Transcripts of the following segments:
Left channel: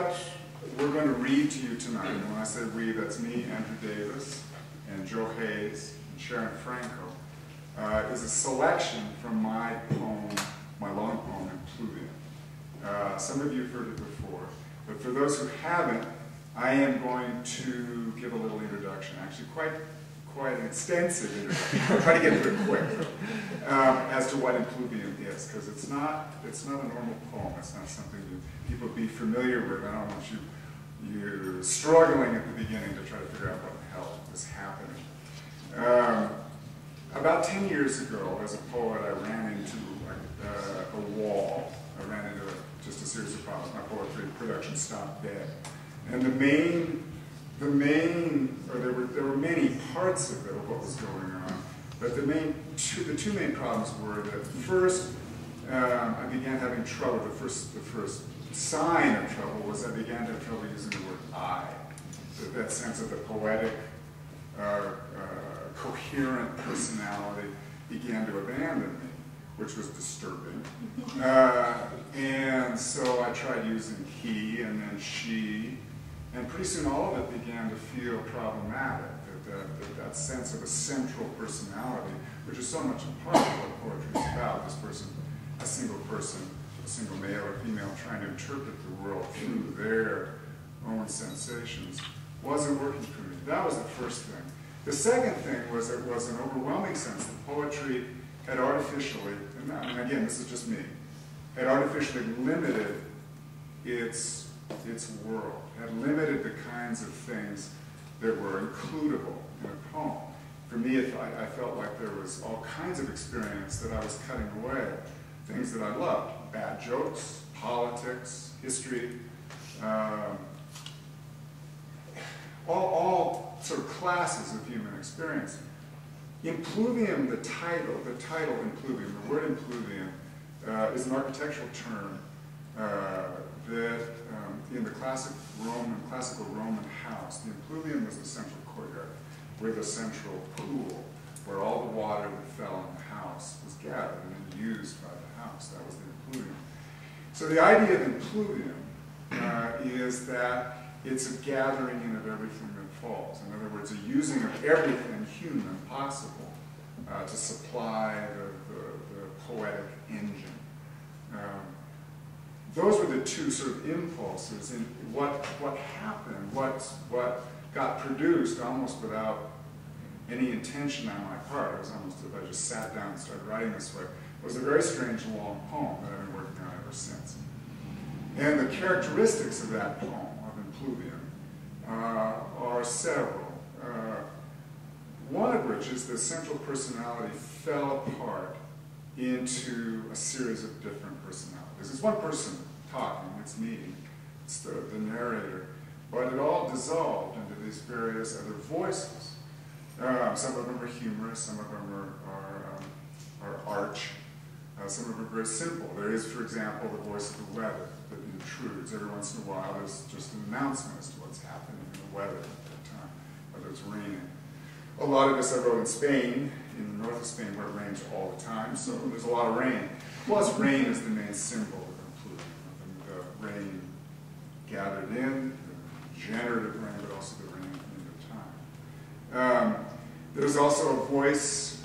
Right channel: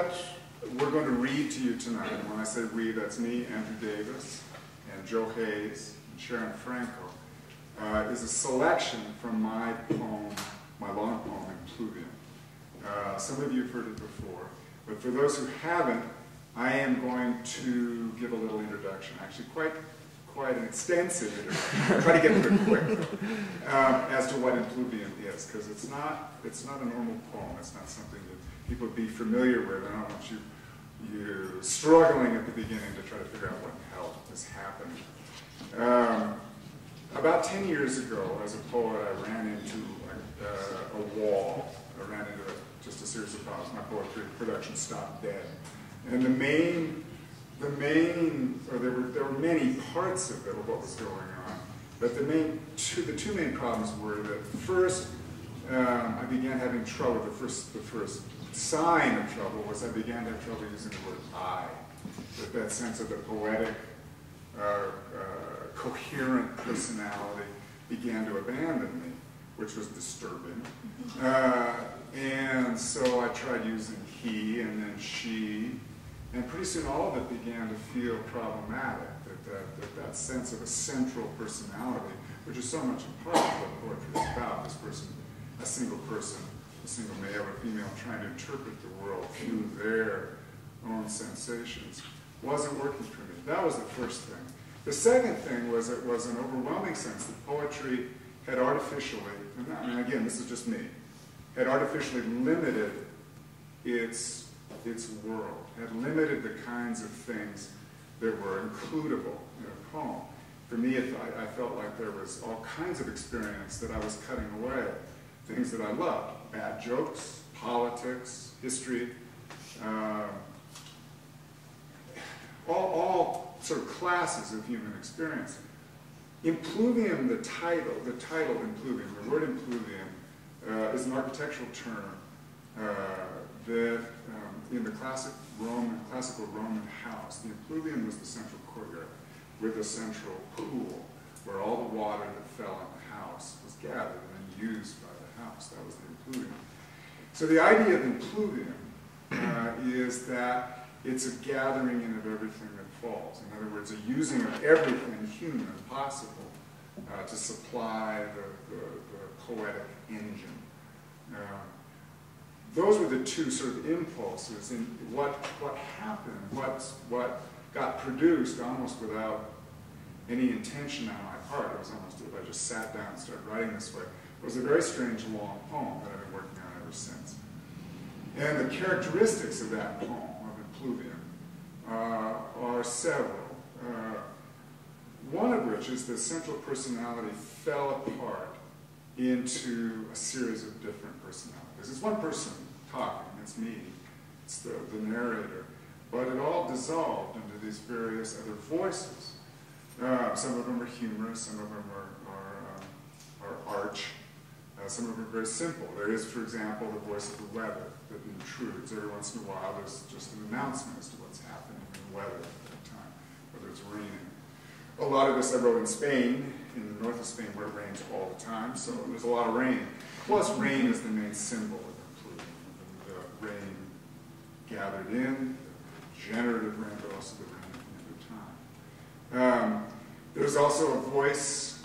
what we're going to read to you tonight. And when I say we, that's me, Andrew Davis, and Joe Hayes, and Sharon Franco, is a selection from my poem, my long poem, Impluvium. Some of you have heard it before, but for those who haven't, I am going to give a little introduction, actually quite an extensive introduction. I'll try to get through it quick, as to what Impluvium is, because it's not a normal poem. It's not something that people would be familiar with. I don't want you struggling at the beginning to try to figure out what the hell is happening. About 10 years ago, as a poet, I ran into a wall. I ran into just a series of problems. My poetry production stopped dead. And there were many parts of it, of what was going on, but the two main problems were that first, I began having trouble. The first sign of trouble was I began to have trouble using the word I. That sense of the poetic, coherent personality began to abandon me, which was disturbing. And so I tried using he and then she, and pretty soon all of it began to feel problematic, that sense of a central personality, which is so much a part of what poetry is about, this person, a single male or female, trying to interpret the world through their own sensations, wasn't working for me. That was the first thing. The second thing was it was an overwhelming sense that poetry had artificially, and I mean, again, this is just me, had artificially limited its world, had limited the kinds of things that were includable in a poem. For me, I felt like there was all kinds of experience that I was cutting away, things that I loved, bad jokes, politics, history, all sort of classes of human experience. Impluvium, the title Impluvium, the word Impluvium, is an architectural term that in the classical Roman house, the Impluvium was the central courtyard with a central pool where all the water that fell in the house was gathered and then used by the house. That was the Impluvium. So the idea of Impluvium is that it's a gathering in of everything that falls. In other words, a using of everything human possible to supply the poetic engine. Those were the two sort of impulses in what happened, what got produced almost without any intention on my part. It was almost as if I just sat down and started writing this way. It was a very strange long poem that I've been working on ever since. And the characteristics of that poem, of Impluvium, are several. One of which is the central personality fell apart into a series of different personalities. It's one person talking, it's me, it's the narrator, but it all dissolved into these various other voices. Some of them are humorous, some of them are arch, some of them are very simple. There is, for example, the voice of the weather that intrudes. Every once in a while there's just an announcement as to what's happening in the weather at that time, whether it's raining. A lot of this I wrote in Spain, in the north of Spain, where it rains all the time, so there's a lot of rain. Plus, rain is the main symbol of Impluvium. The rain gathered in, the generative rain, but also the rain at the end of time. There's also a voice,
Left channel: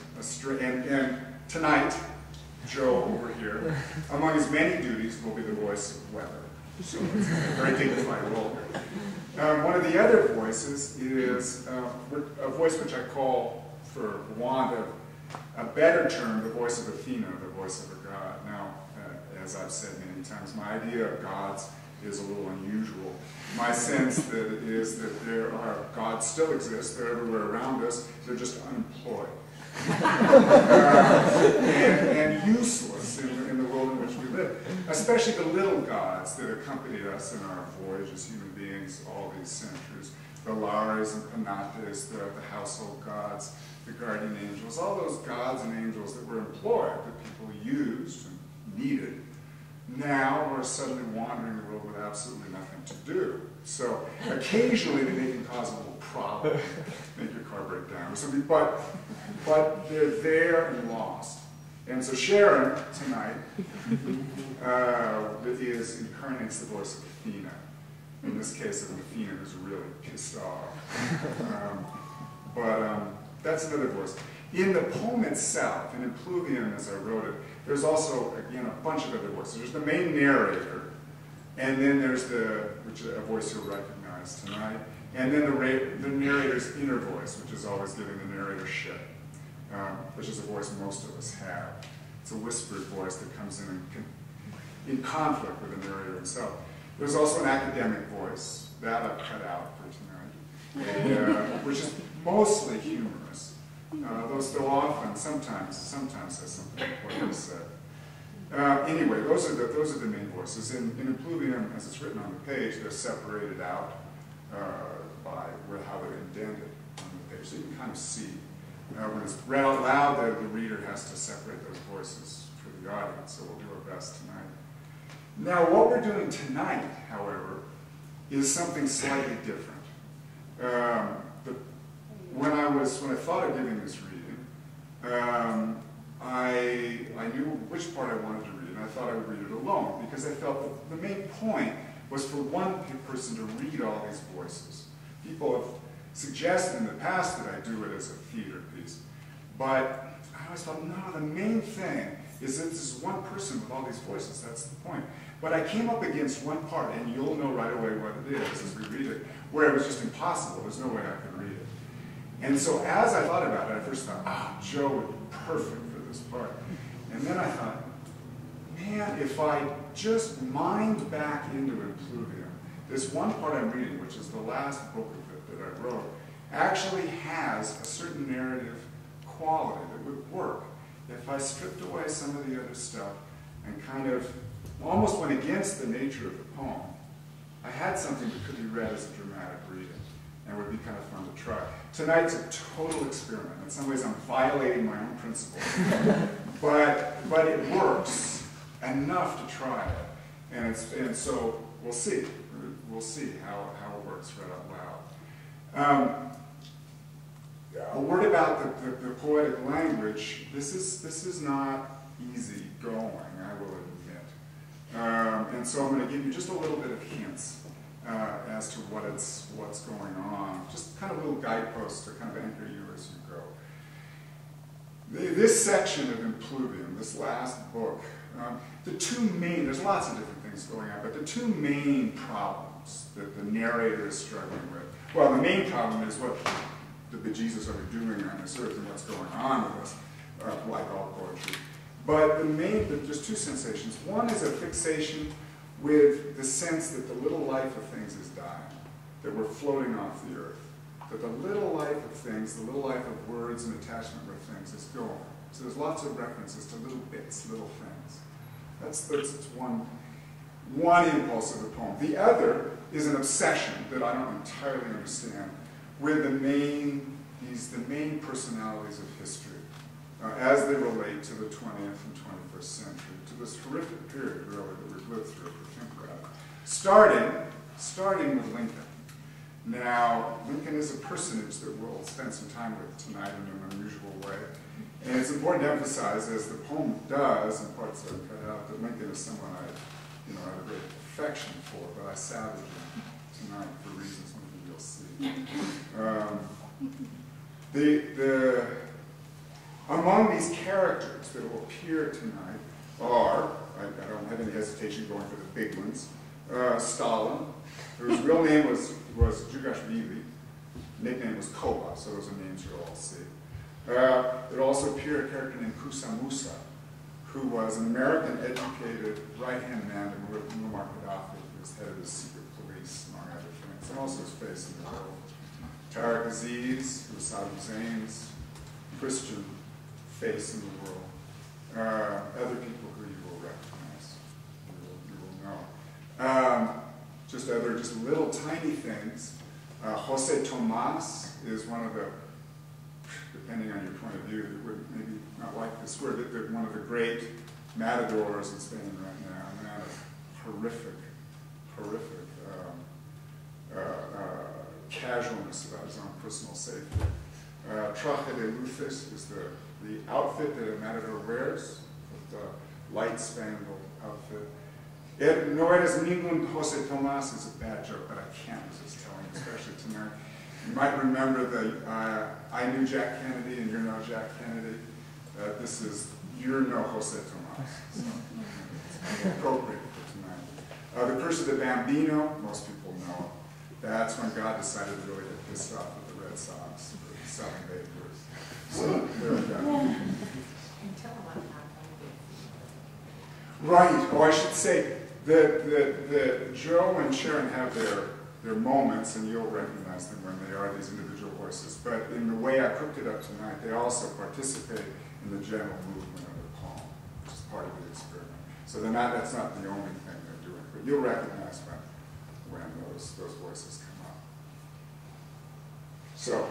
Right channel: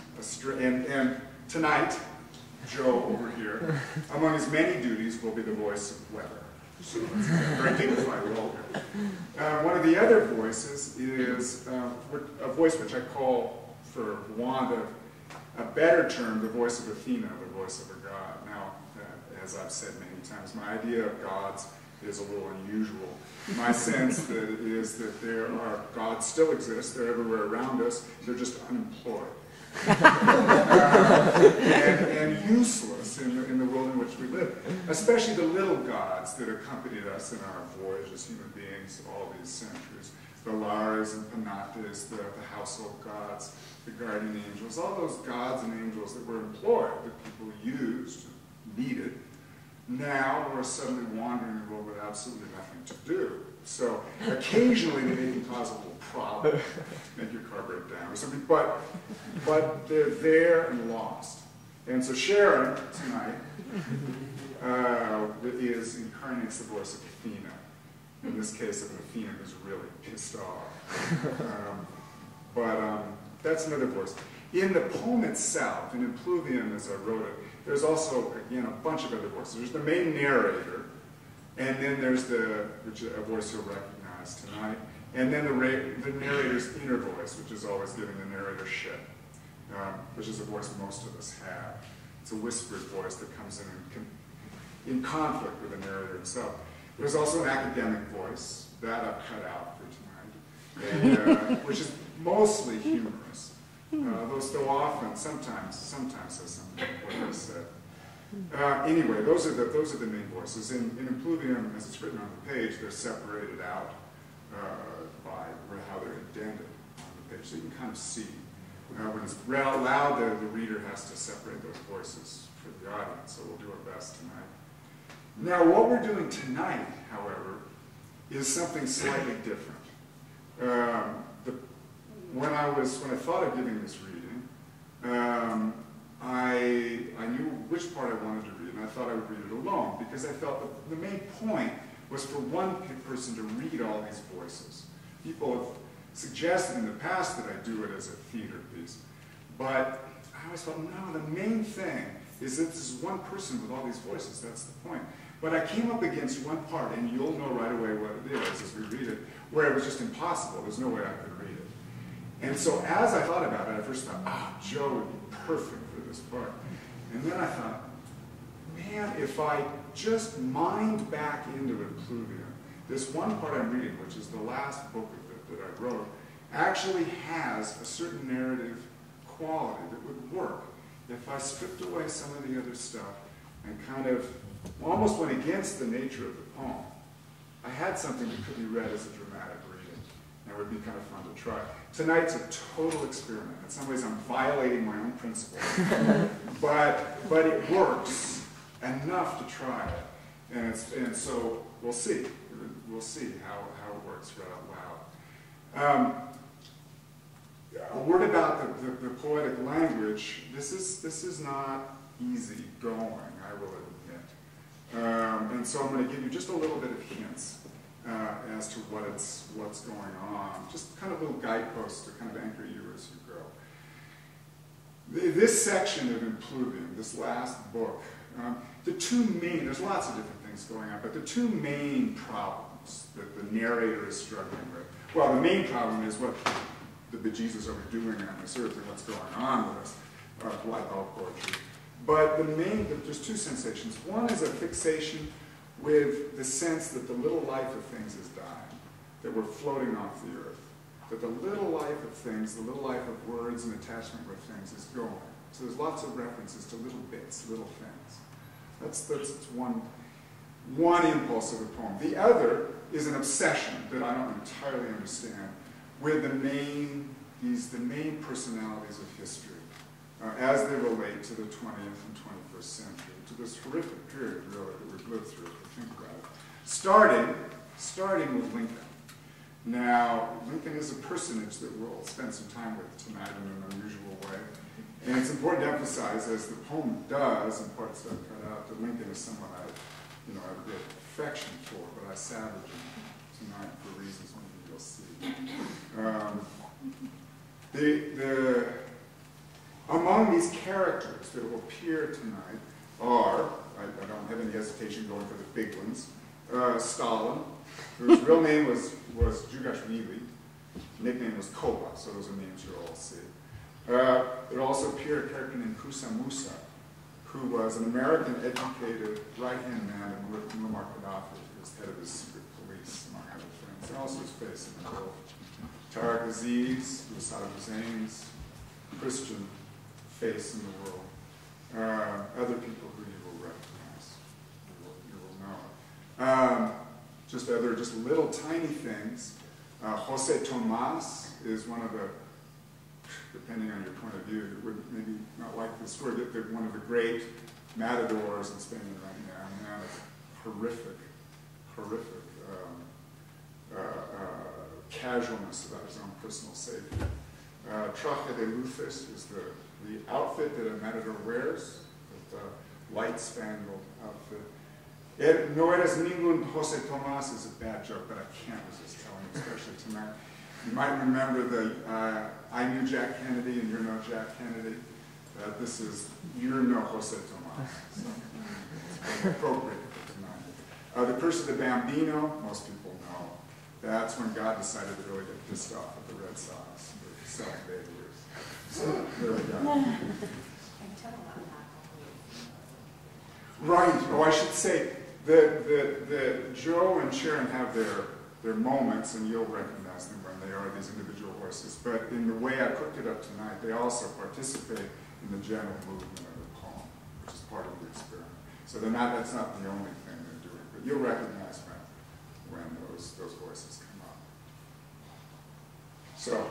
and tonight, Joe over here, among his many duties, will be the voice of weather. So it's a very dignified role here. One of the other voices is a voice which I call, for want of a better term, the voice of Athena, the voice of a god. Now, as I've said many times, my idea of gods is a little unusual. My sense is that gods still exist, they're everywhere around us, they're just unemployed. And useless in the world in which we live, especially the little gods that accompanied us in our voyage as human beings all these centuries. The Lares and Penates, the household gods, the guardian angels, all those gods and angels that were employed, that people used and needed, now are suddenly wandering the world with absolutely nothing to do. So occasionally they can cause a little problem, make your car break down or something, but they're there and lost. And so Sharon, tonight, incarnates the voice of Athena. In this case of an Athena who's really pissed off. That's another voice. In the poem itself, in Impluvium as I wrote it, there's also, again, a bunch of other voices. There's the main narrator, and then there's which is a voice you'll recognize tonight, and then the narrator's inner voice, which is always giving the narratorship, which is a voice most of us have. It's a whispered voice that comes in conflict with the narrator himself. There's also an academic voice, that I've cut out for tonight, which is mostly humorous. Though still often, sometimes has something important to say. Anyway, those are the main voices. In Impluvium, as it's written on the page, they're separated out by how they're indented on the page. So you can kind of see. When it's read out loud, the reader has to separate those voices for the audience, so we'll do our best tonight. Now, what we're doing tonight, however, is something slightly different. When I thought of giving this reading, I knew which part I wanted to read, and I thought I would read it alone, because I felt that the main point was for one person to read all these voices. People have suggested in the past that I do it as a theater piece, but I always thought, no, the main thing is that this is one person with all these voices. That's the point. But I came up against one part, and you'll know right away what it is as we read it, where it was just impossible. There's no way I could read it. And so as I thought about it, I first thought, Joe would be perfect for this part. And then I thought, man, if I just mind back into Impluvium, this one part I'm reading, which is the last book of it that I wrote, actually has a certain narrative quality that would work if I stripped away some of the other stuff and kind of almost went against the nature of the poem. I had something that could be read as a dramatic reading, and it would be kind of fun to try. Tonight's a total experiment. In some ways, I'm violating my own principles. but it works enough to try it. And so we'll see. We'll see how it works read out loud. A word about the poetic language. This is not easy going, I will admit. And so I'm going to give you just a little bit of hints as to what's going on. Just kind of little guideposts to kind of anchor you as you go. This section of Impluvium, this last book, there's lots of different things going on, but the two main problems that the narrator is struggling with, well, the main problem is what the bejesus are we doing on this earth and what's going on with us, like all poetry. But there's two sensations. One is a fixation with the sense that the little life of things is dying, that we're floating off the earth, that the little life of things, the little life of words and attachment with things is going. So there's lots of references to little bits, little things. That's one impulse of the poem. The other is an obsession that I don't entirely understand with the main personalities of history as they relate to the 20th and 21st century, to this horrific period, really, that we've lived through, if you think about it. Starting with Lincoln. Now, Lincoln is a personage that we'll spend some time with tonight in an unusual way. And it's important to emphasize, as the poem does, in parts that I've cut out, that Lincoln is someone I have a great affection for, but I savage him tonight for reasons maybe you'll see. Among these characters that will appear tonight are, I don't have any hesitation going for the big ones, Stalin, whose real name was Djugashvili, nickname was Koba, so those are names you'll all see. There will also appear a character named Kusa Musa, who was an American-educated right-hand man of Muammar Gaddafi, who was head of his secret police, among other things, and also his face in the world. Tariq Aziz, who was Saddam Hussein's Christian face in the world. Other people who you will recognize, you will know. Just little tiny things. Jose Tomas is one of the, depending on your point of view, that would maybe not like this word, but one of the great matadors in Spain right now, a man of horrific casualness about his own personal safety. Traje de luces is the outfit that a matador wears, the light-spangled outfit. No eres ningún Jose Tomas is a bad joke, but I can't resist telling, especially tonight. You might remember the I knew Jack Kennedy and you're no Jack Kennedy. This is you're no Jose Tomas. So it's appropriate for tonight. The Curse of the Bambino, most people know. That's when God decided to really get pissed off at the Red Sox for selling Babe Ruth. So there we go. Right. Oh, I should say that Joe and Sharon have their moments, and you'll recognize them when they are these individual voices. But in the way I cooked it up tonight, they also participate in the general movement of the poem, which is part of the experiment. So that's not the only thing they're doing, but you'll recognize when those voices come up. So.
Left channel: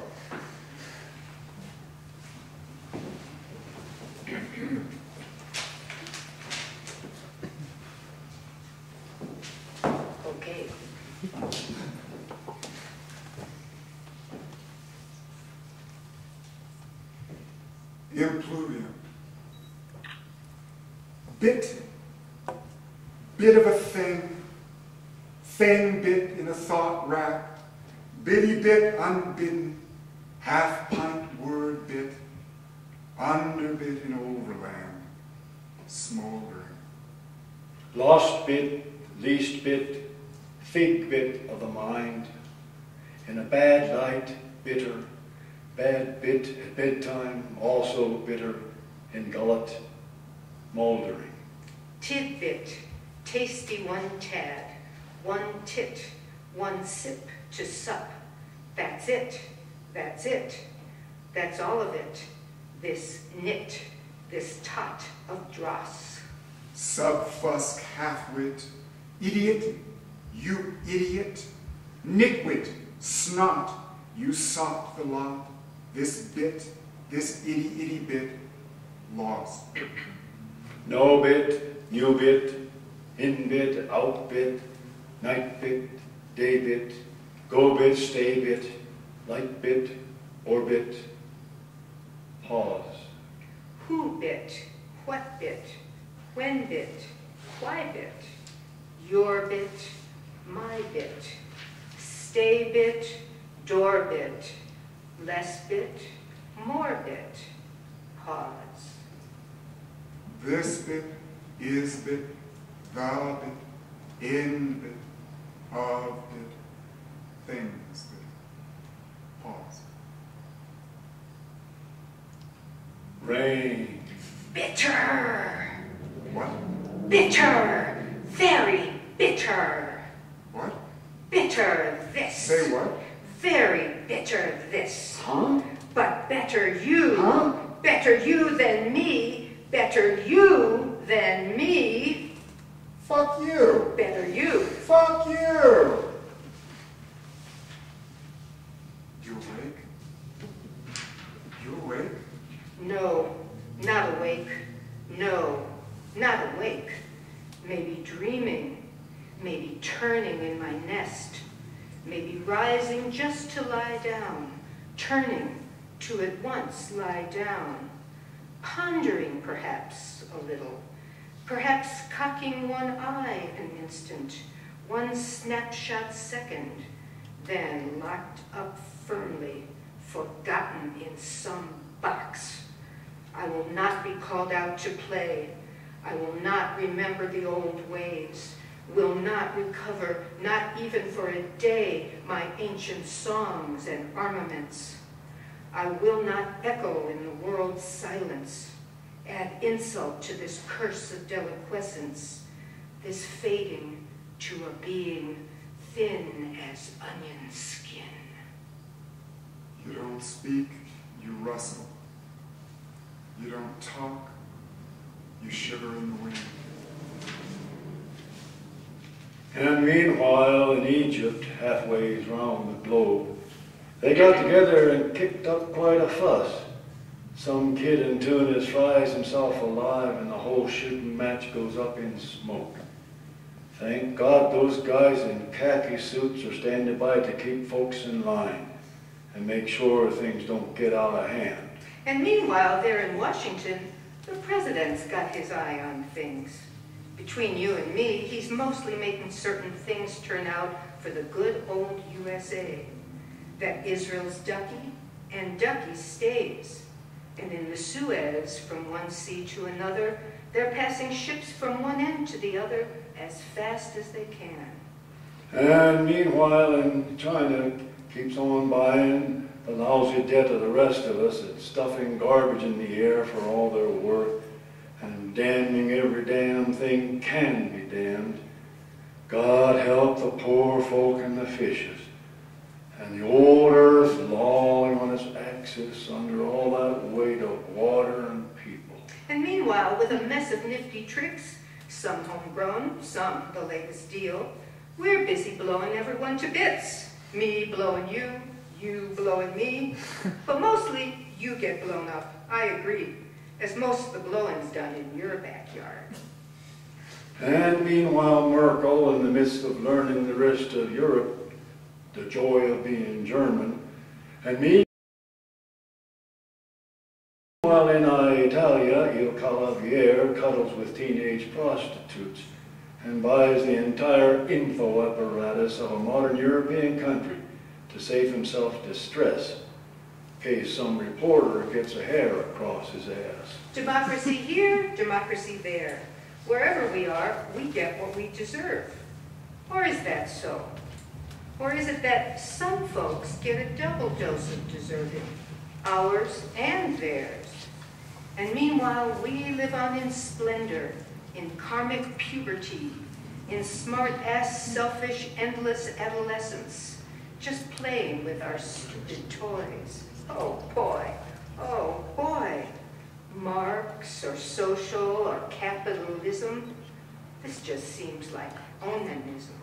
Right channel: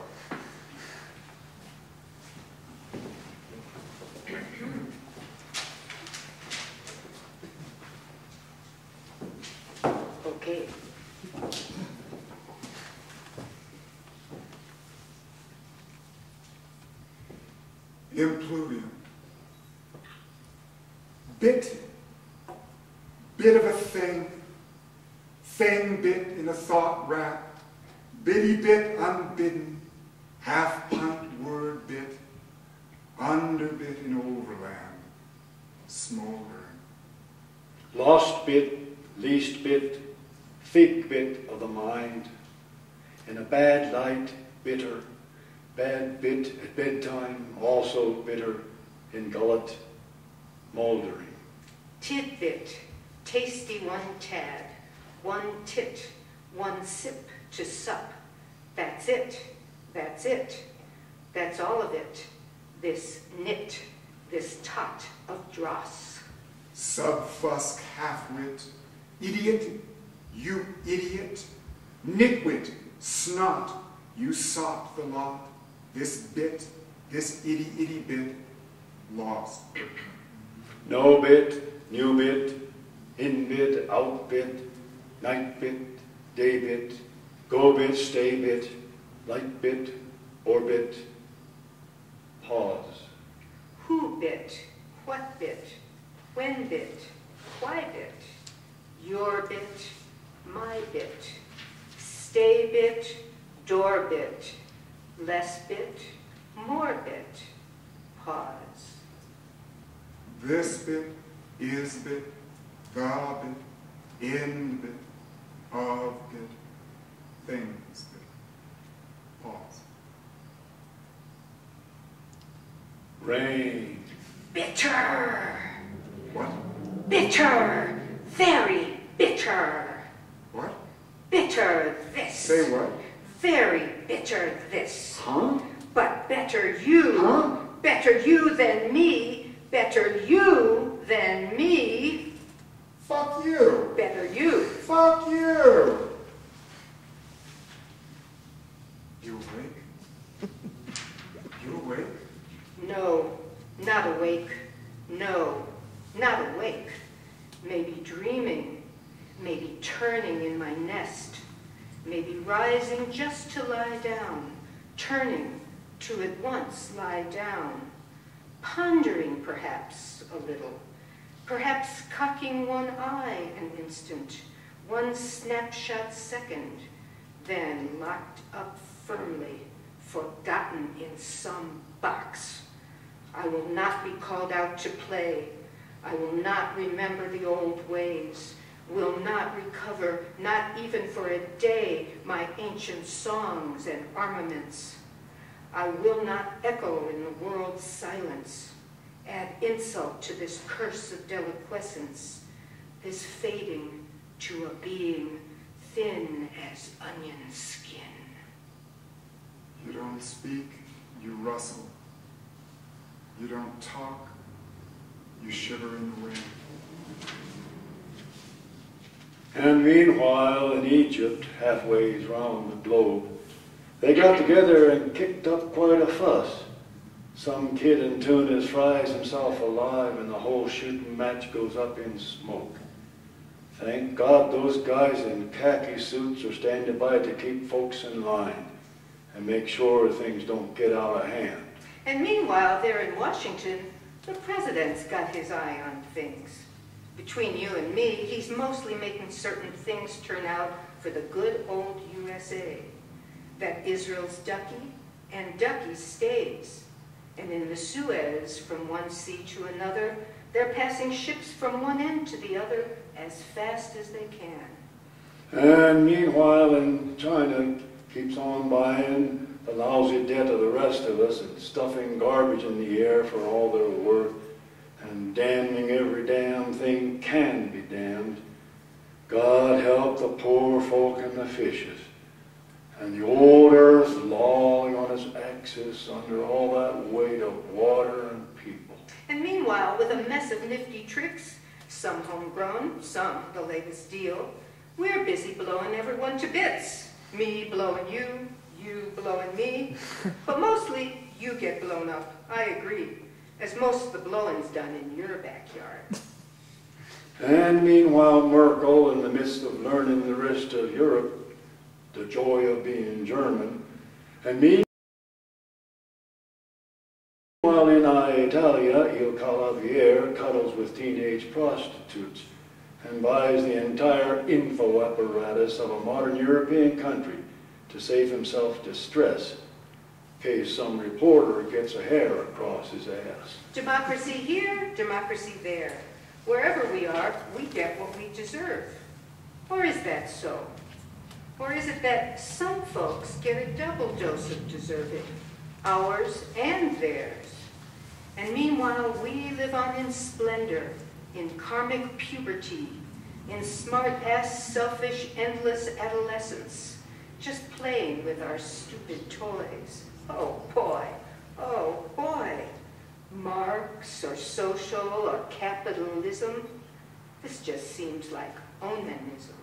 Okay. Impluvium. Bit of a thing bit in a thought rack, bitty bit unbidden, half pint word bit, underbit in overland, smoldering. Lost bit, least bit, fig bit of the mind, in a bad light, bitter, bad bit at bedtime, also bitter, in gullet, mouldering. Tidbit, tasty one tad, one tit, one sip to sup. That's it, that's it, that's all of it, this nit, this tot of dross. Subfusk half-wit, idiot, you idiot, nitwit, snot, you sought the lot, this bit, this itty bit, lost. No bit, new bit, in bit, out bit, night bit, day bit, go bit, stay bit, light bit, orbit, pause. Who bit, what bit, when bit, why bit, your bit, my bit, stay bit, door bit, less bit, more bit, pause. This bit, is bit, the bit, in bit, of bit, things bit, pause. Rain. Bitter. What? Bitter. Very bitter. What? Bitter this. Say what? Very bitter this. Huh? But better you. Huh? Better you than me. Better you than me. Fuck you. Better you. Fuck you. You awake? You awake? No, not awake. No, not awake. Maybe dreaming. Maybe turning in my nest. Maybe rising just to lie down. Turning to at once lie down. Pondering perhaps a little. Perhaps cocking one eye an instant. One snapshot second. Then locked up firmly. Forgotten in some box. I will not be called out to play. I will not remember the old ways. Will not recover, not even for a day, my ancient songs and armaments. I will not echo in the world's silence, add insult to this curse of deliquescence, this fading to a being thin as onion skin. You don't speak, you rustle. You don't talk, you shiver in the wind. And meanwhile, in Egypt, halfway round the globe, they got together and kicked up quite a fuss. Some kid in Tunis fries himself alive and the whole shooting match goes up in smoke. Thank God those guys in khaki suits are standing by to keep folks in line and make sure things don't get out of hand. And meanwhile, there in Washington, the president's got his eye on things. Between you and me, he's mostly making certain things turn out for the good old USA. That Israel's ducky, and ducky stays. And in the Suez, from one sea to another, they're passing ships from one end to the other as fast as they can. And meanwhile, in China, keeps on buying the lousy debt of the rest of us and stuffing garbage in the air for all they're worth and damning every damn thing can be damned. God help the poor folk and the fishes. And the old earth lolling on its axis under all that weight of water and people. And meanwhile, with a mess of nifty tricks, some homegrown, some the latest deal, we're busy blowing everyone to bits. Me blowing you, you blowing me. But mostly, you get blown up, I agree, as most of the blowing's done in your backyard. And meanwhile, Merkel, in the midst of learning the rest of Europe, the joy of being German, and meanwhile in Italia, Il Calaviere cuddles with teenage prostitutes and buys the entire info apparatus of a modern European country to save himself distress in case some reporter gets a hair across his ass. Democracy here, democracy there. Wherever we are, we get what we deserve. Or is that so? Or is it that some folks get a double dose of deserving, ours and theirs? And meanwhile, we live on in splendor, in karmic puberty, in smart-ass, selfish, endless adolescence, just playing with our stupid toys. Oh boy, oh boy. Marx or social or capitalism, this just seems like onanism.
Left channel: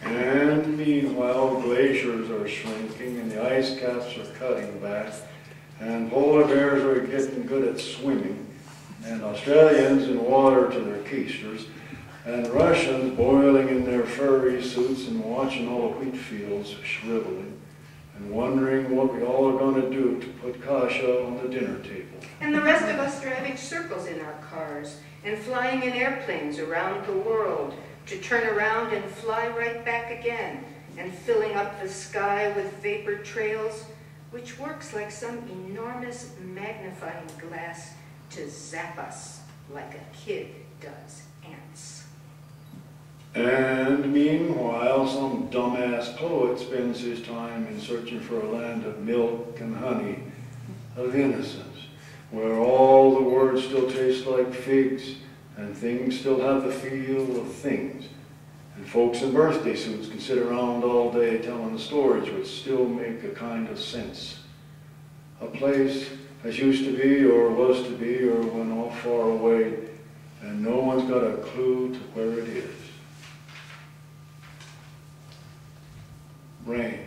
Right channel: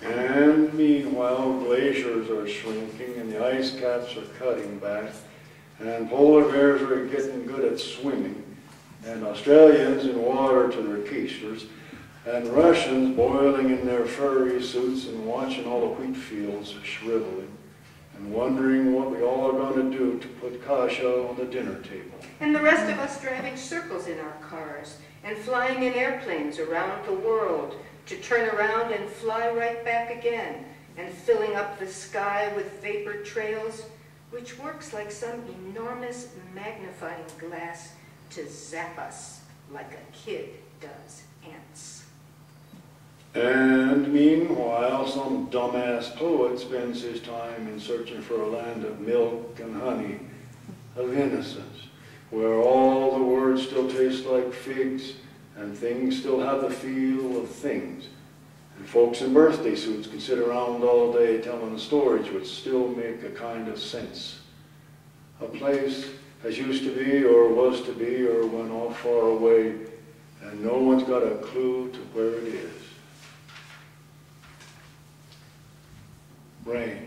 And meanwhile, glaciers are shrinking and the ice caps are cutting back and polar bears are getting good at swimming and Australians in water to their keisters and Russians boiling in their furry suits and watching all the wheat fields shriveling and wondering what we all are going to do to put kasha on the dinner table. And the rest of us driving circles in our cars and flying in airplanes around the world to turn around and fly right back again, and filling up the sky with vapor trails, which works like some enormous magnifying glass to zap us like a kid does ants. And meanwhile, some dumbass poet spends his time in searching for a land of milk and honey, of innocence, where all the words still taste like figs and things still have the feel of things. And folks in birthday suits can sit around all day telling the stories which still make a kind of sense. A place as used to be or was to be or went off far away, and no one's got a clue to where it is. Rain,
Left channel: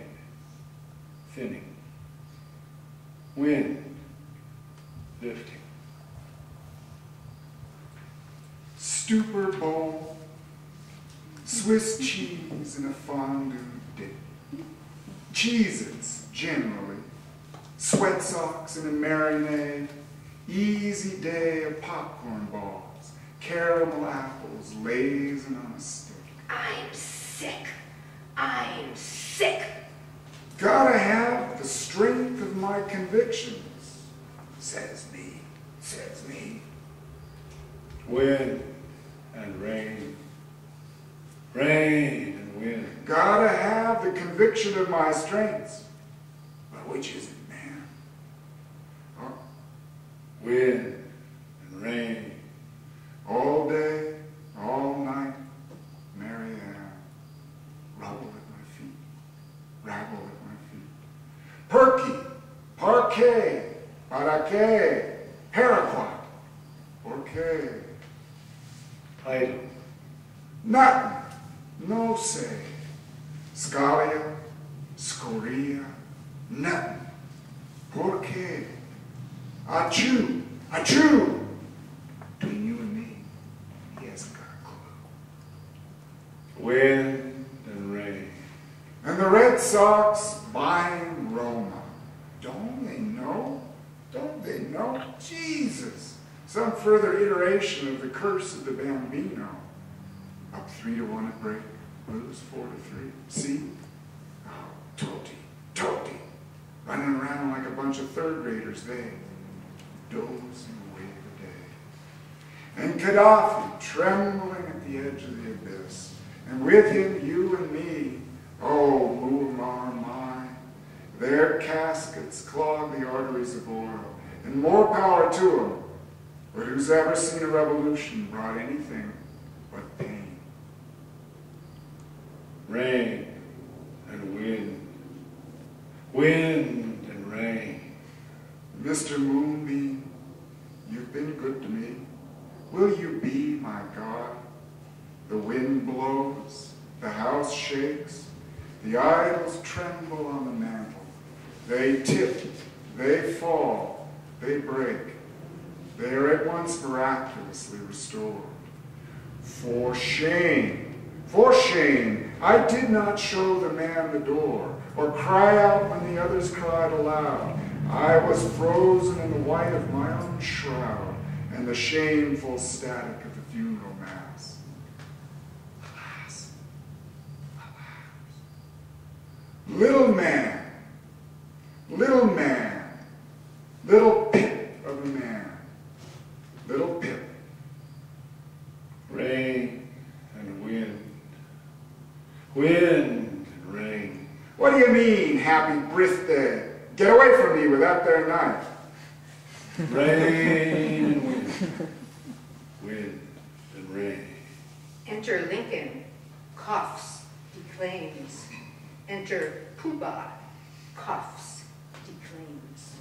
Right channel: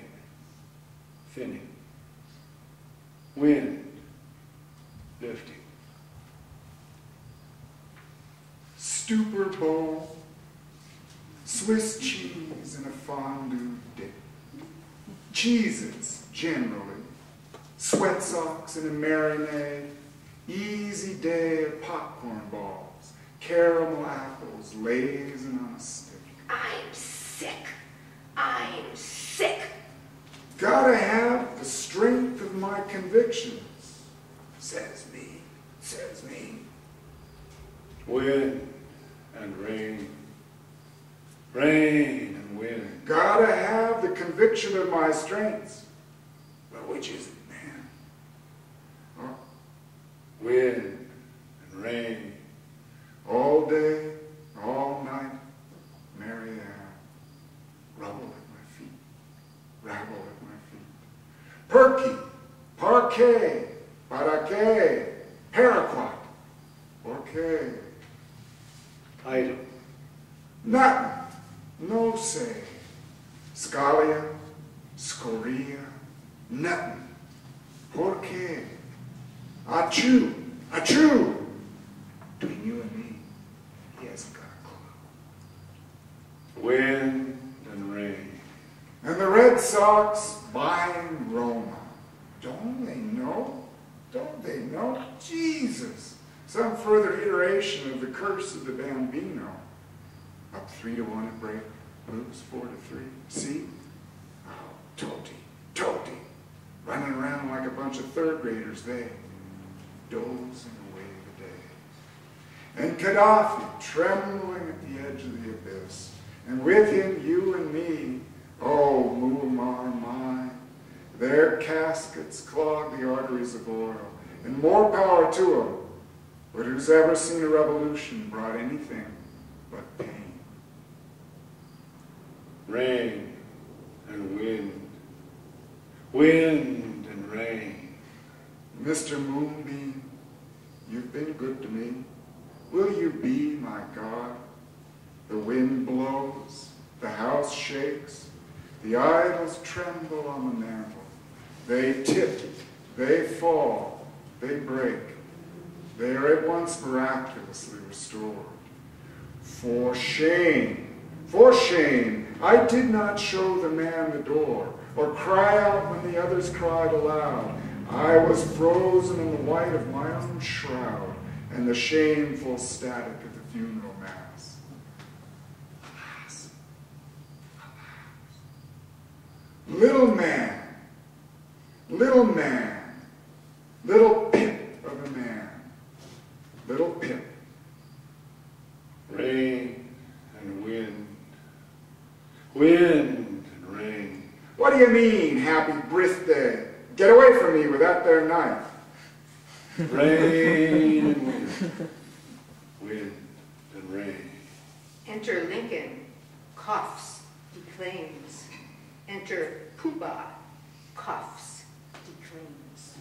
thinning, wind, lifting. Stupor bowl, Swiss cheese in a fondue dip, Cheez-Its generally, sweat socks in a marinade, easy day of popcorn balls, caramel apples lazing on a stick. I'm sick. I'm sick. Gotta have the strength of my convictions, says me, says me. Wind and rain, rain and wind. Gotta have the conviction of my strengths. Well, which is it, man? Oh, Wind and rain. all day, all night, Mary Ann, rubble at my feet, rabble at my feet. Perky, parquet, paraquet, paraquat, orquet. Item. Nothing, no say. Scalia, scoria, nothing. Por qué? Achoo, achoo. Between you and me, he hasn't got a clue. Wind and rain. And the Red Sox buying Roma. Don't they know? Don't they know? Jesus. Some further iteration of the curse of the Bambino. Up 3-1 at break, lose 4-3. See? Oh, Toti, running around like a bunch of third graders, they dozing away the day. And Gaddafi trembling at the edge of the abyss. And with him, you and me, oh, Muammar my, their caskets clog the arteries of oil. And more power to them. But who's ever seen a revolution brought anything but pain? Rain and wind, wind and rain. Mr. Moonbeam, you've been good to me. Will you be my God? The wind blows, the house shakes, the idols tremble on the mantle. They tip, they fall, they break. They are at once miraculously restored. For shame, I did not show the man the door, or cry out when the others cried aloud. I was frozen in the white of my own shroud, and the shameful static of the funeral mass. Alas, alas. Little man, little pip of a man, little pip. Rain and wind, wind and rain. What do you mean, happy birthday? Get away from me with that there knife. Rain and wind, wind and rain. Enter Lincoln, coughs, declaims. Enter Pooh-Bah, coughs, declaims.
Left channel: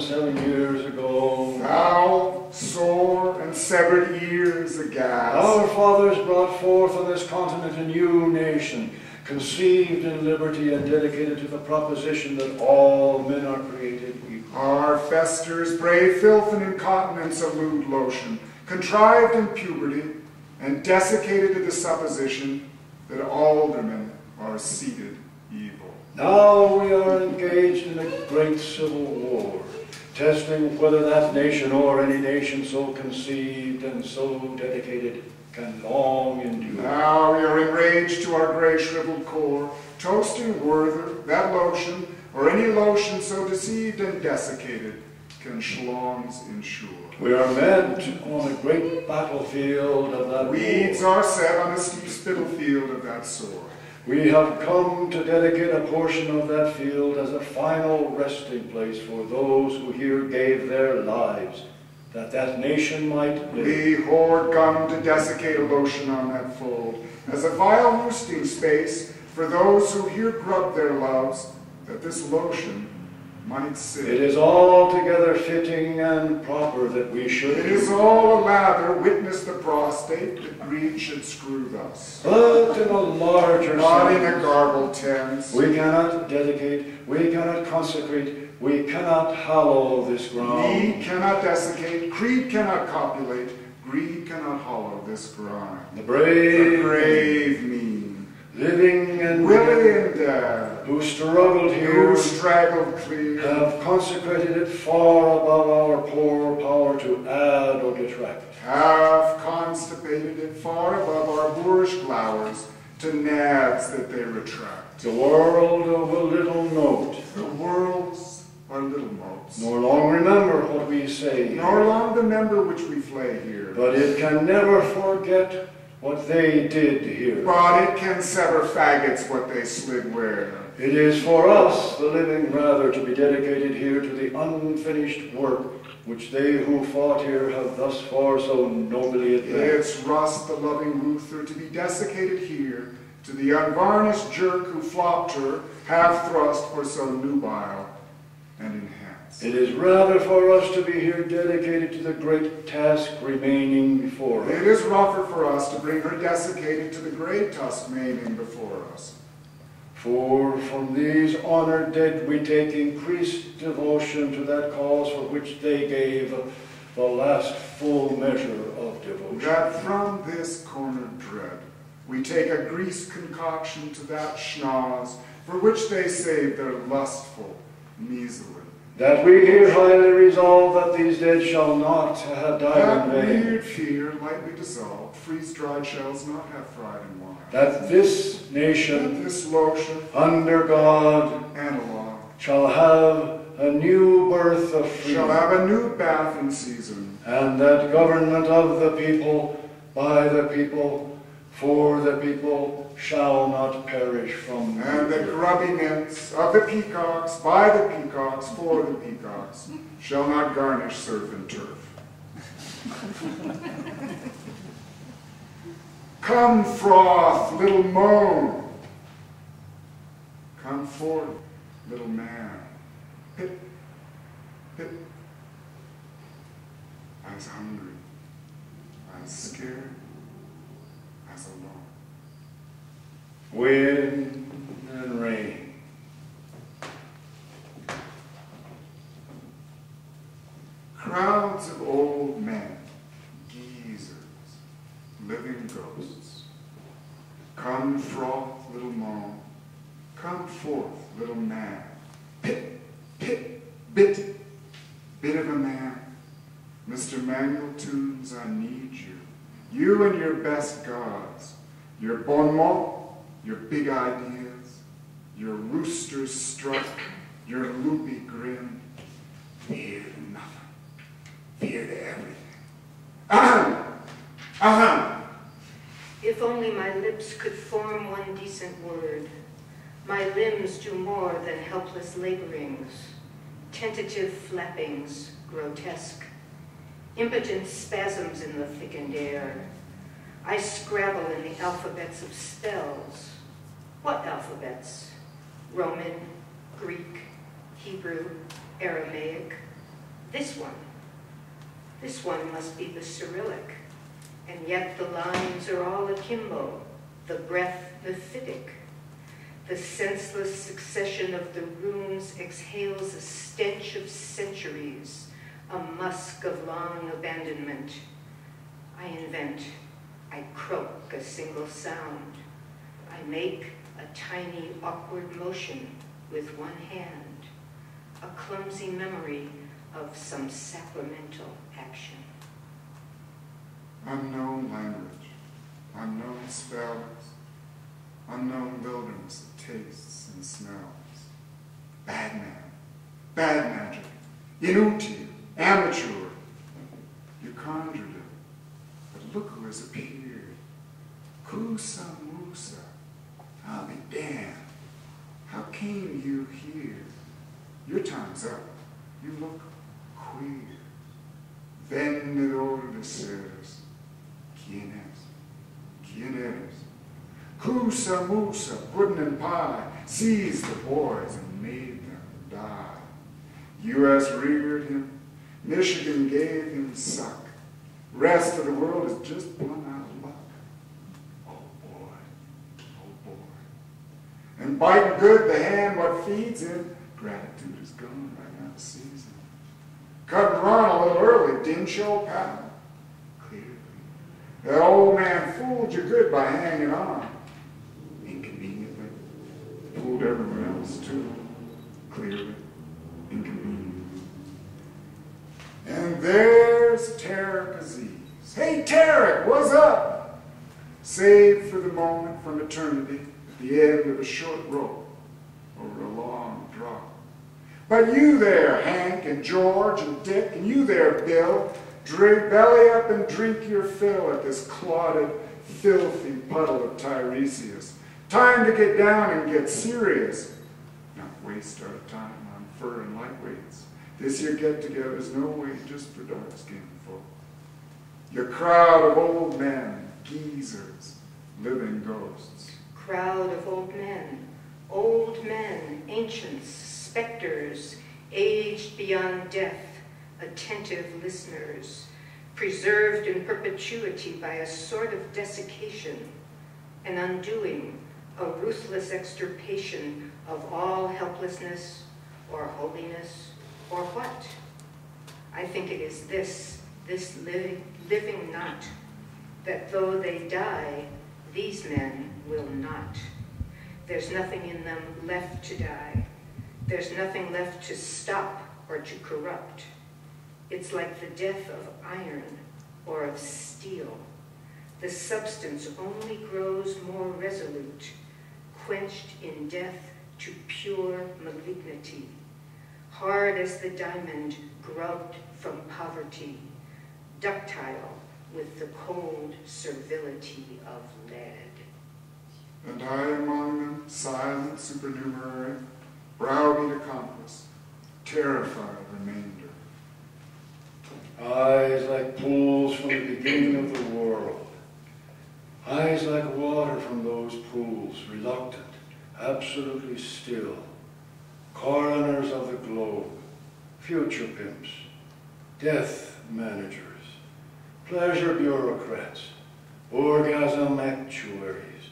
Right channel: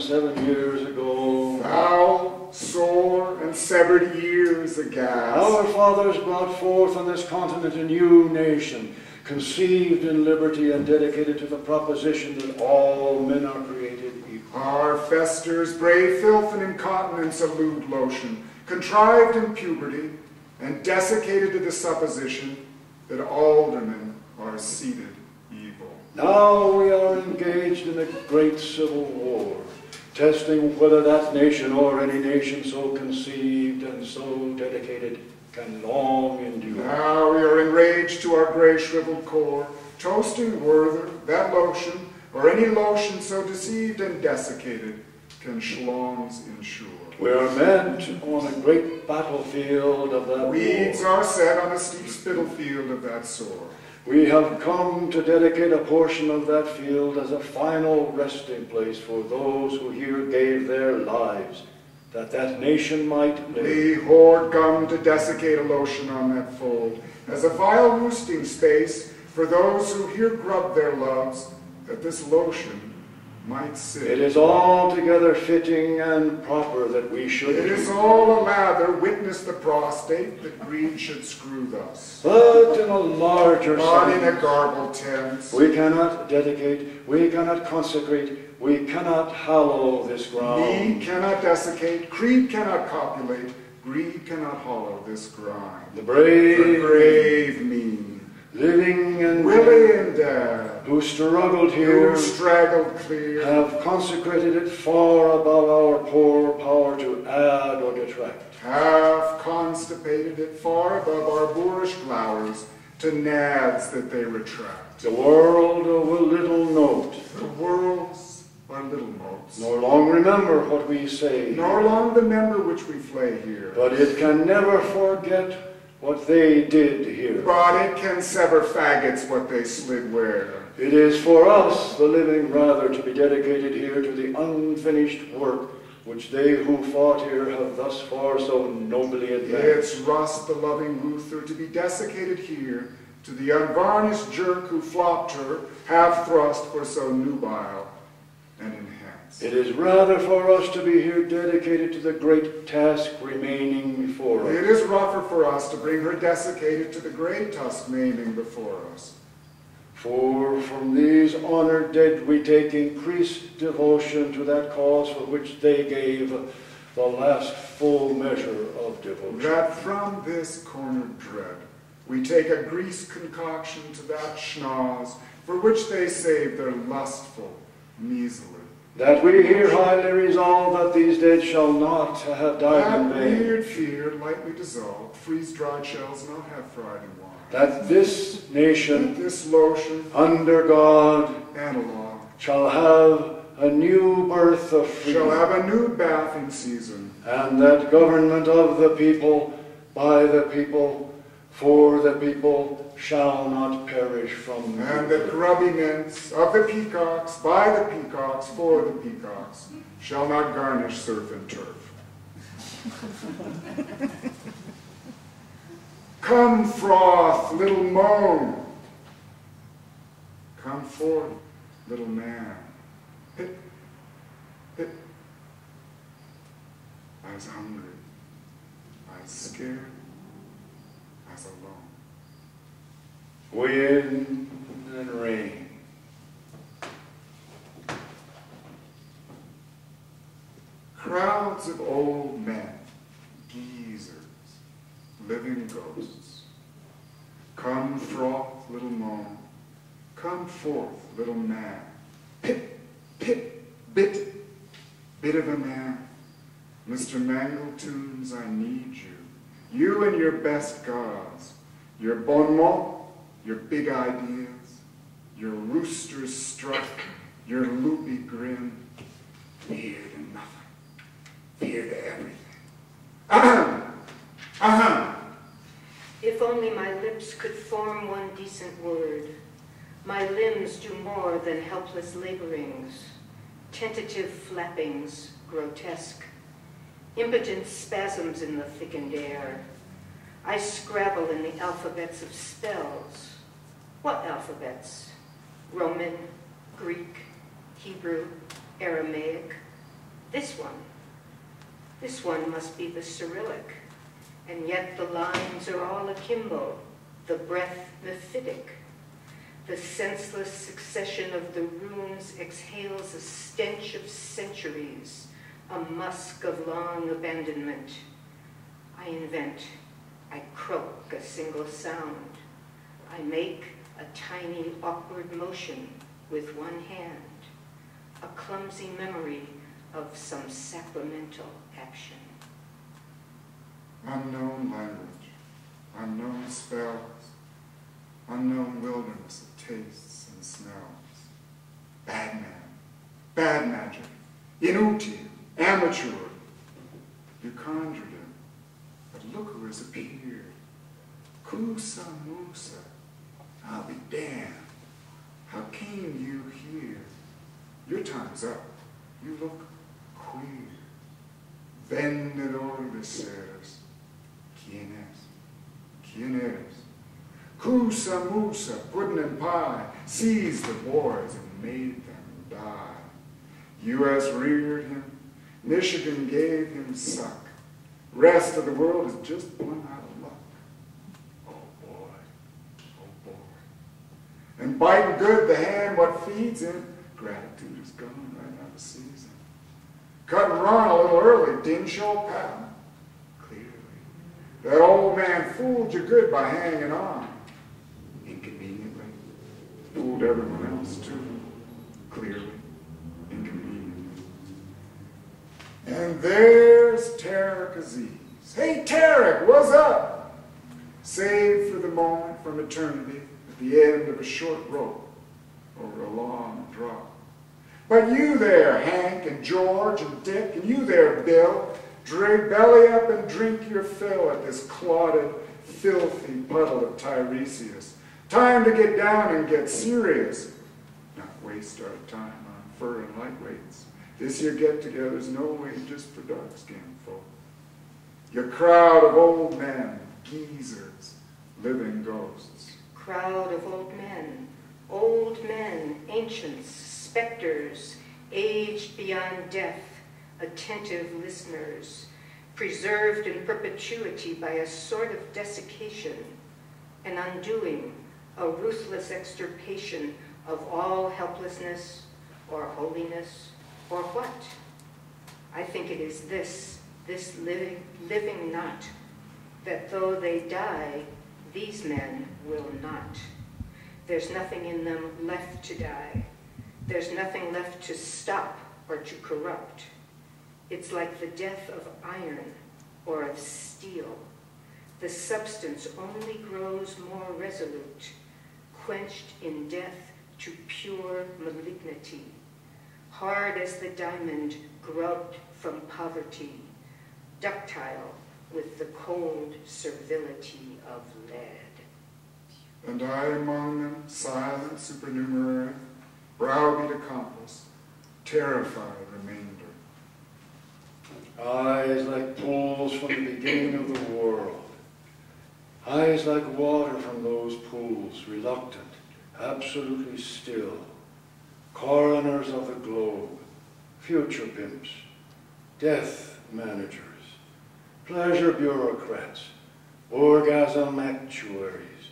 77 years ago, Foul, sore, and severed years aghast. our fathers brought forth on this continent a new nation, conceived in liberty and dedicated to the proposition that all men are created equal. Our festers brave filth and incontinence of lewd lotion, contrived in puberty, and desiccated to the supposition that aldermen are seated evil. Now we are engaged in a great civil war, testing whether that nation or any nation so conceived and so dedicated can long endure. Now we are enraged to our gray shriveled core, toasting Werther, that lotion, or any lotion so deceived and desiccated, can schlongs ensure. We are meant on a great battlefield of that Weeds war. are set on a steep spittle field of that sort. We have come to dedicate a portion of that field as a final resting place for those who here gave their lives, that that nation might live. We hoard gum to desiccate a lotion on that fold, as a vile roosting space for those who here grub their loves, that this lotion might sit. It is altogether fitting and proper that we should. It is all a lather, witness the prostate, that greed should screw thus. But in a larger Not sense, in a garbled tense. we cannot dedicate, we cannot consecrate, we cannot hallow this ground. Need cannot desiccate, creed cannot copulate, greed cannot hollow this grind. The brave, The grave mean, living and willy and dead, who struggled here, who straggled clear, have consecrated it far above our poor power to add or detract. have constipated it far above our boorish flowers to nads that they retract. The world will little note, The worlds are little motes, nor long remember what we say, nor long the member which we flay here. but it can never forget what they did here. But it can sever faggots what they slid where. It is for us, the living, rather to be dedicated here to the unfinished work which they who fought here have thus far so nobly advanced. It's Rust, the loving Ruther, to be desiccated here, to the unvarnished jerk who flopped her, half thrust for so nubile and enhanced. It is rather for us to be here dedicated to the great task remaining before us. It is rougher for us to bring her desiccated to the great tusk maiming before us. For from these honored dead we take increased devotion to that cause for which they gave the last full measure of devotion. That from this cornered dread we take a greased concoction to that schnoz for which they saved their lustful, measly that we here highly resolve that these dead shall not have died That in vain. weird fear lightly dissolved, freeze-dried shells not have fried in wine. That this nation, This lotion, under God, analog, shall have a new birth of freedom, shall have a new bathing season, and that government of the people, by the people, for the people, shall not perish from the and the earth. grubby mints of the peacocks, by the peacocks, for the peacocks, shall not garnish surf and turf. Come, froth, little moan. Come forth, little man. Pit, pit. I was hungry. I was scared. I was alone. Wind and rain. Crowds of old men, geezers, living ghosts. Come, froth, little moan. Come forth, little man. Pit, pit, bit, bit of a man. Mr. Manuel Tunes, I need you. You and your best gods. Your bon mot, your big ideas, your rooster's strut, your loopy grin. Fear to nothing. Fear to everything. If only my lips could form one decent word. My limbs do more than helpless laborings, tentative flappings, grotesque, impotent spasms in the thickened air. I scrabble in the alphabets of spells. What alphabets? Roman, Greek, Hebrew, Aramaic. This one must be the Cyrillic, and yet the lines are all akimbo, the breath mephitic. The senseless succession of the runes exhales a stench of centuries, a musk of long abandonment. I invent, I croak a single sound. I make a tiny, awkward motion with one hand, a clumsy memory of some sacramental action. Unknown language, unknown spells, unknown wilderness of tastes and smells. Bad man, bad magic, inutile, amateur. You conjured him, but look who has appeared. Kusa Musa, I'll be damned. How came you here? Your time's up. You look queer. Vendedor de seres. ¿Quién es? ¿Quién eres? Kusa Musa, pudding and pie, seized the boys and made them die. U.S. reared him. Michigan gave him suck. Rest of the world is just one out of luck. Oh boy, and biting good the hand what feeds him, gratitude is gone right out of season. Cut and run a little early, didn't show pattern. Clearly, that old man fooled you good by hanging on. Inconveniently, fooled everyone else too. Clearly, inconveniently. And there's Tarek Aziz. Hey Tarek, what's up? Saved for the moment from eternity at the end of a short rope over a long drop. But you there, Hank and George and Dick, and you there, Bill, drink belly up and drink your fill at this clotted, filthy puddle of Tiresias. Time to get down and get serious. Not waste our time on fur and lightweights. This here get-together's no way just for dark-skinned folk. Your crowd of old men, geezers, living ghosts. Crowd of old men, ancients, specters, aged beyond death, attentive listeners, preserved in perpetuity by a sort of desiccation, an undoing, a ruthless extirpation of all helplessness or holiness or what? I think it is this living knot, that though they die, these men will not. There's nothing in them left to die. There's nothing left to stop or to corrupt. It's like the death of iron or of steel. The substance only grows more resolute, quenched in death to pure malignity, hard as the diamond grubbed from poverty, ductile with the cold servility of lead. And I among them, silent supernumerary, browbeat accomplice, terrified remainder. Eyes like pools from the beginning of the world. Eyes like water from those pools, reluctant, absolutely still. Coroners of the globe, future pimps, death managers, pleasure bureaucrats, orgasm actuaries,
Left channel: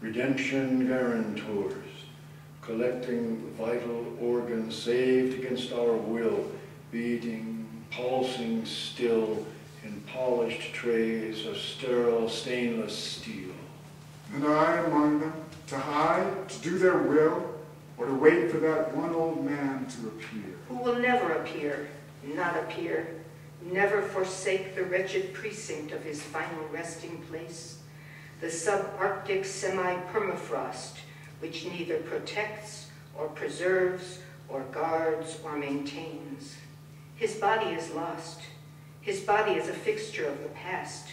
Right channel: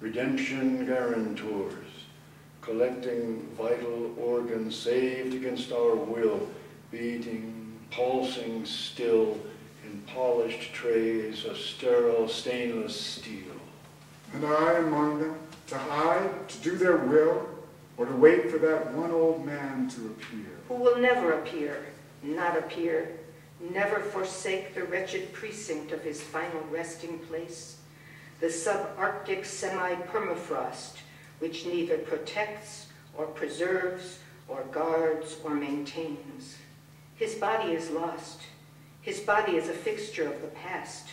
redemption guarantors, collecting vital organs saved against our will, beating, pulsing still in polished trays of sterile stainless steel. And I among them, to hide, to do their will, or to wait for that one old man to appear. Who will never appear, not appear, never forsake the wretched precinct of his final resting place, the subarctic semi-permafrost, which neither protects or preserves or guards or maintains. His body is lost. His body is a fixture of the past.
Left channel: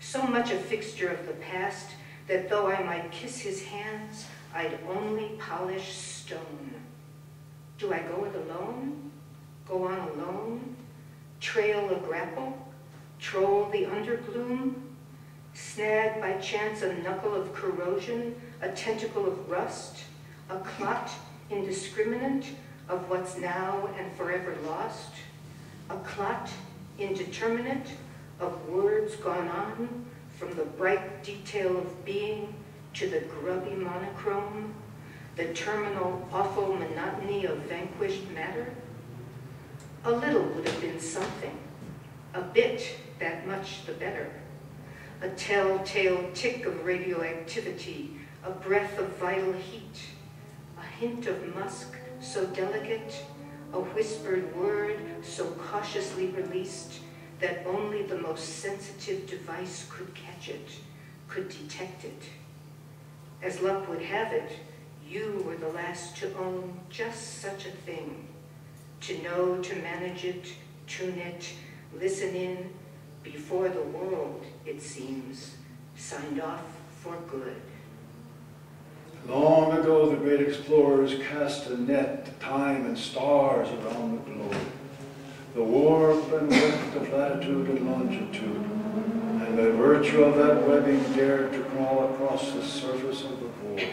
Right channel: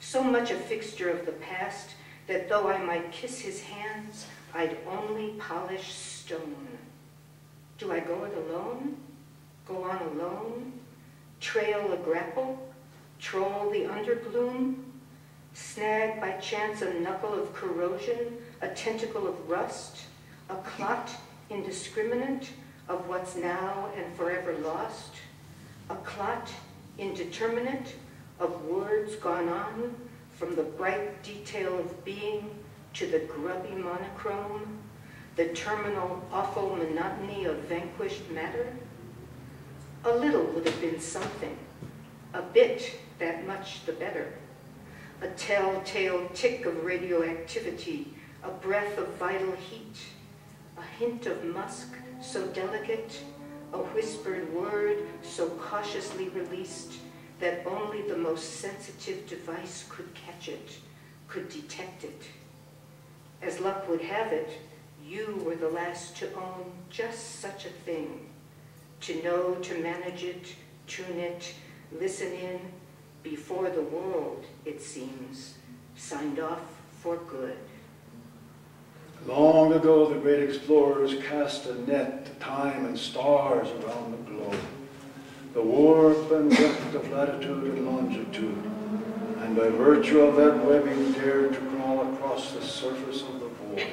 So much a fixture of the past that though I might kiss his hands, I'd only polish stone. Do I go it alone? Go on alone? Trail a grapple? Troll the undergloom? Snag by chance a knuckle of corrosion, a tentacle of rust, a clot indiscriminate of what's now and forever lost, a clot indeterminate of words gone on from the bright detail of being to the grubby monochrome, the terminal awful monotony of vanquished matter? A little would have been something, a bit, that much the better. A telltale tick of radioactivity, a breath of vital heat, a hint of musk so delicate, a whispered word so cautiously released that only the most sensitive device could catch it, could detect it. As luck would have it, you were the last to own just such a thing, to know to manage it, tune it, listen in, before the world, it seems, signed off for good. Long ago, the great explorers cast a net to time and stars around the globe, the warp and weft of latitude and longitude, and by virtue of that webbing dared to crawl across the surface of the void.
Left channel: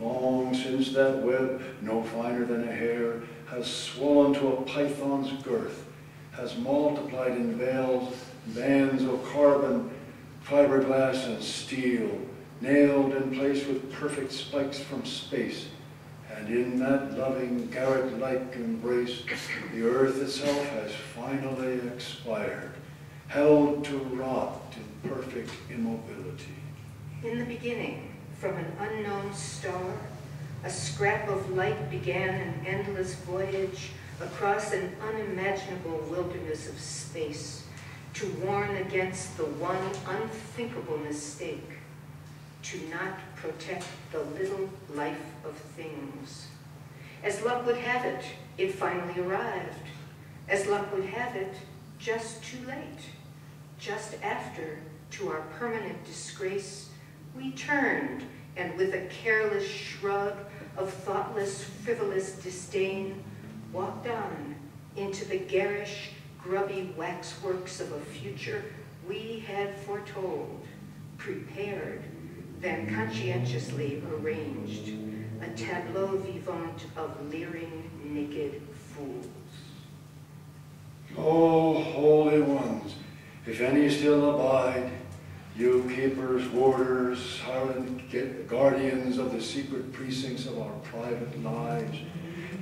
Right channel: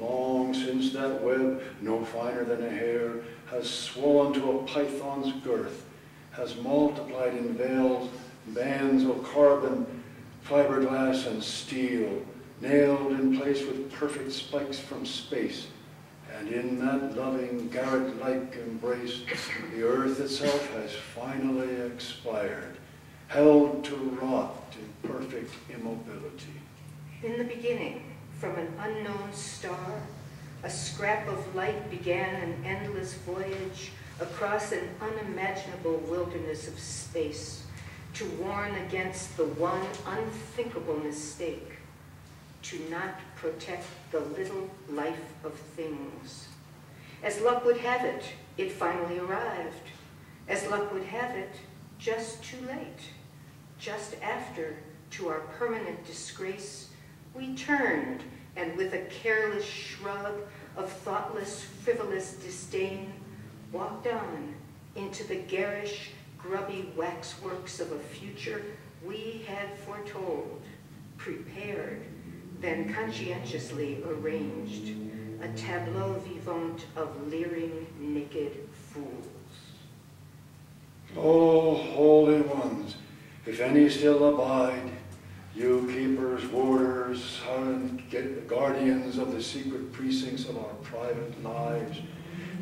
Long since that web, no finer than a hair, has swollen to a python's girth, has multiplied in veils, bands of carbon, fiberglass, and steel, nailed in place with perfect spikes from space. And in that loving, garret-like embrace, the earth itself has finally expired, held to rot in perfect immobility. In the beginning, from an unknown star, a scrap of light began an endless voyage across an unimaginable wilderness of space to warn against the one unthinkable mistake, to not protect the little life of things. As luck would have it, it finally arrived. As luck would have it, just too late. Just after, to our permanent disgrace, we turned, and with a careless shrug of thoughtless, frivolous disdain, walked on into the garish, grubby waxworks of a future we had foretold, prepared, then conscientiously arranged, a tableau vivant of leering, naked fools. O holy ones, if any still abide, you keepers, warders, guardians of the secret precincts of our private lives,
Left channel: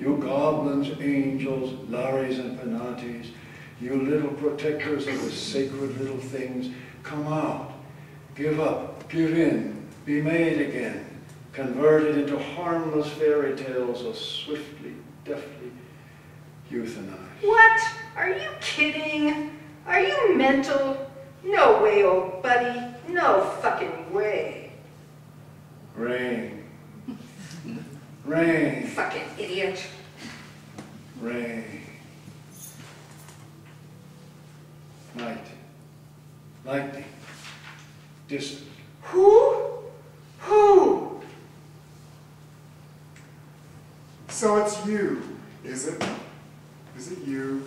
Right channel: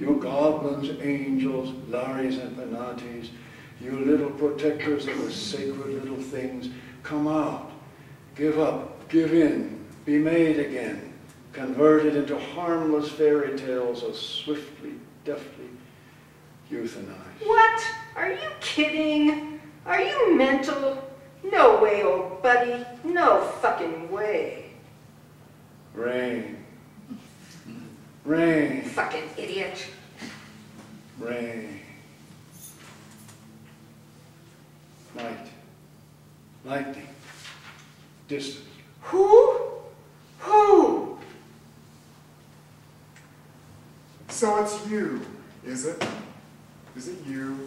you goblins, angels, lares and penates, you little protectors of the sacred little things, come out, give up, give in, be made again, converted into harmless fairy tales of swiftly, deftly. euthanized. What? Are you kidding? Are you mental? No way, old buddy. No fucking way. Rain. Rain. Fucking idiot. Rain. Night. Lightning. Distant. Who? Who? So it's you, is it? Is it you?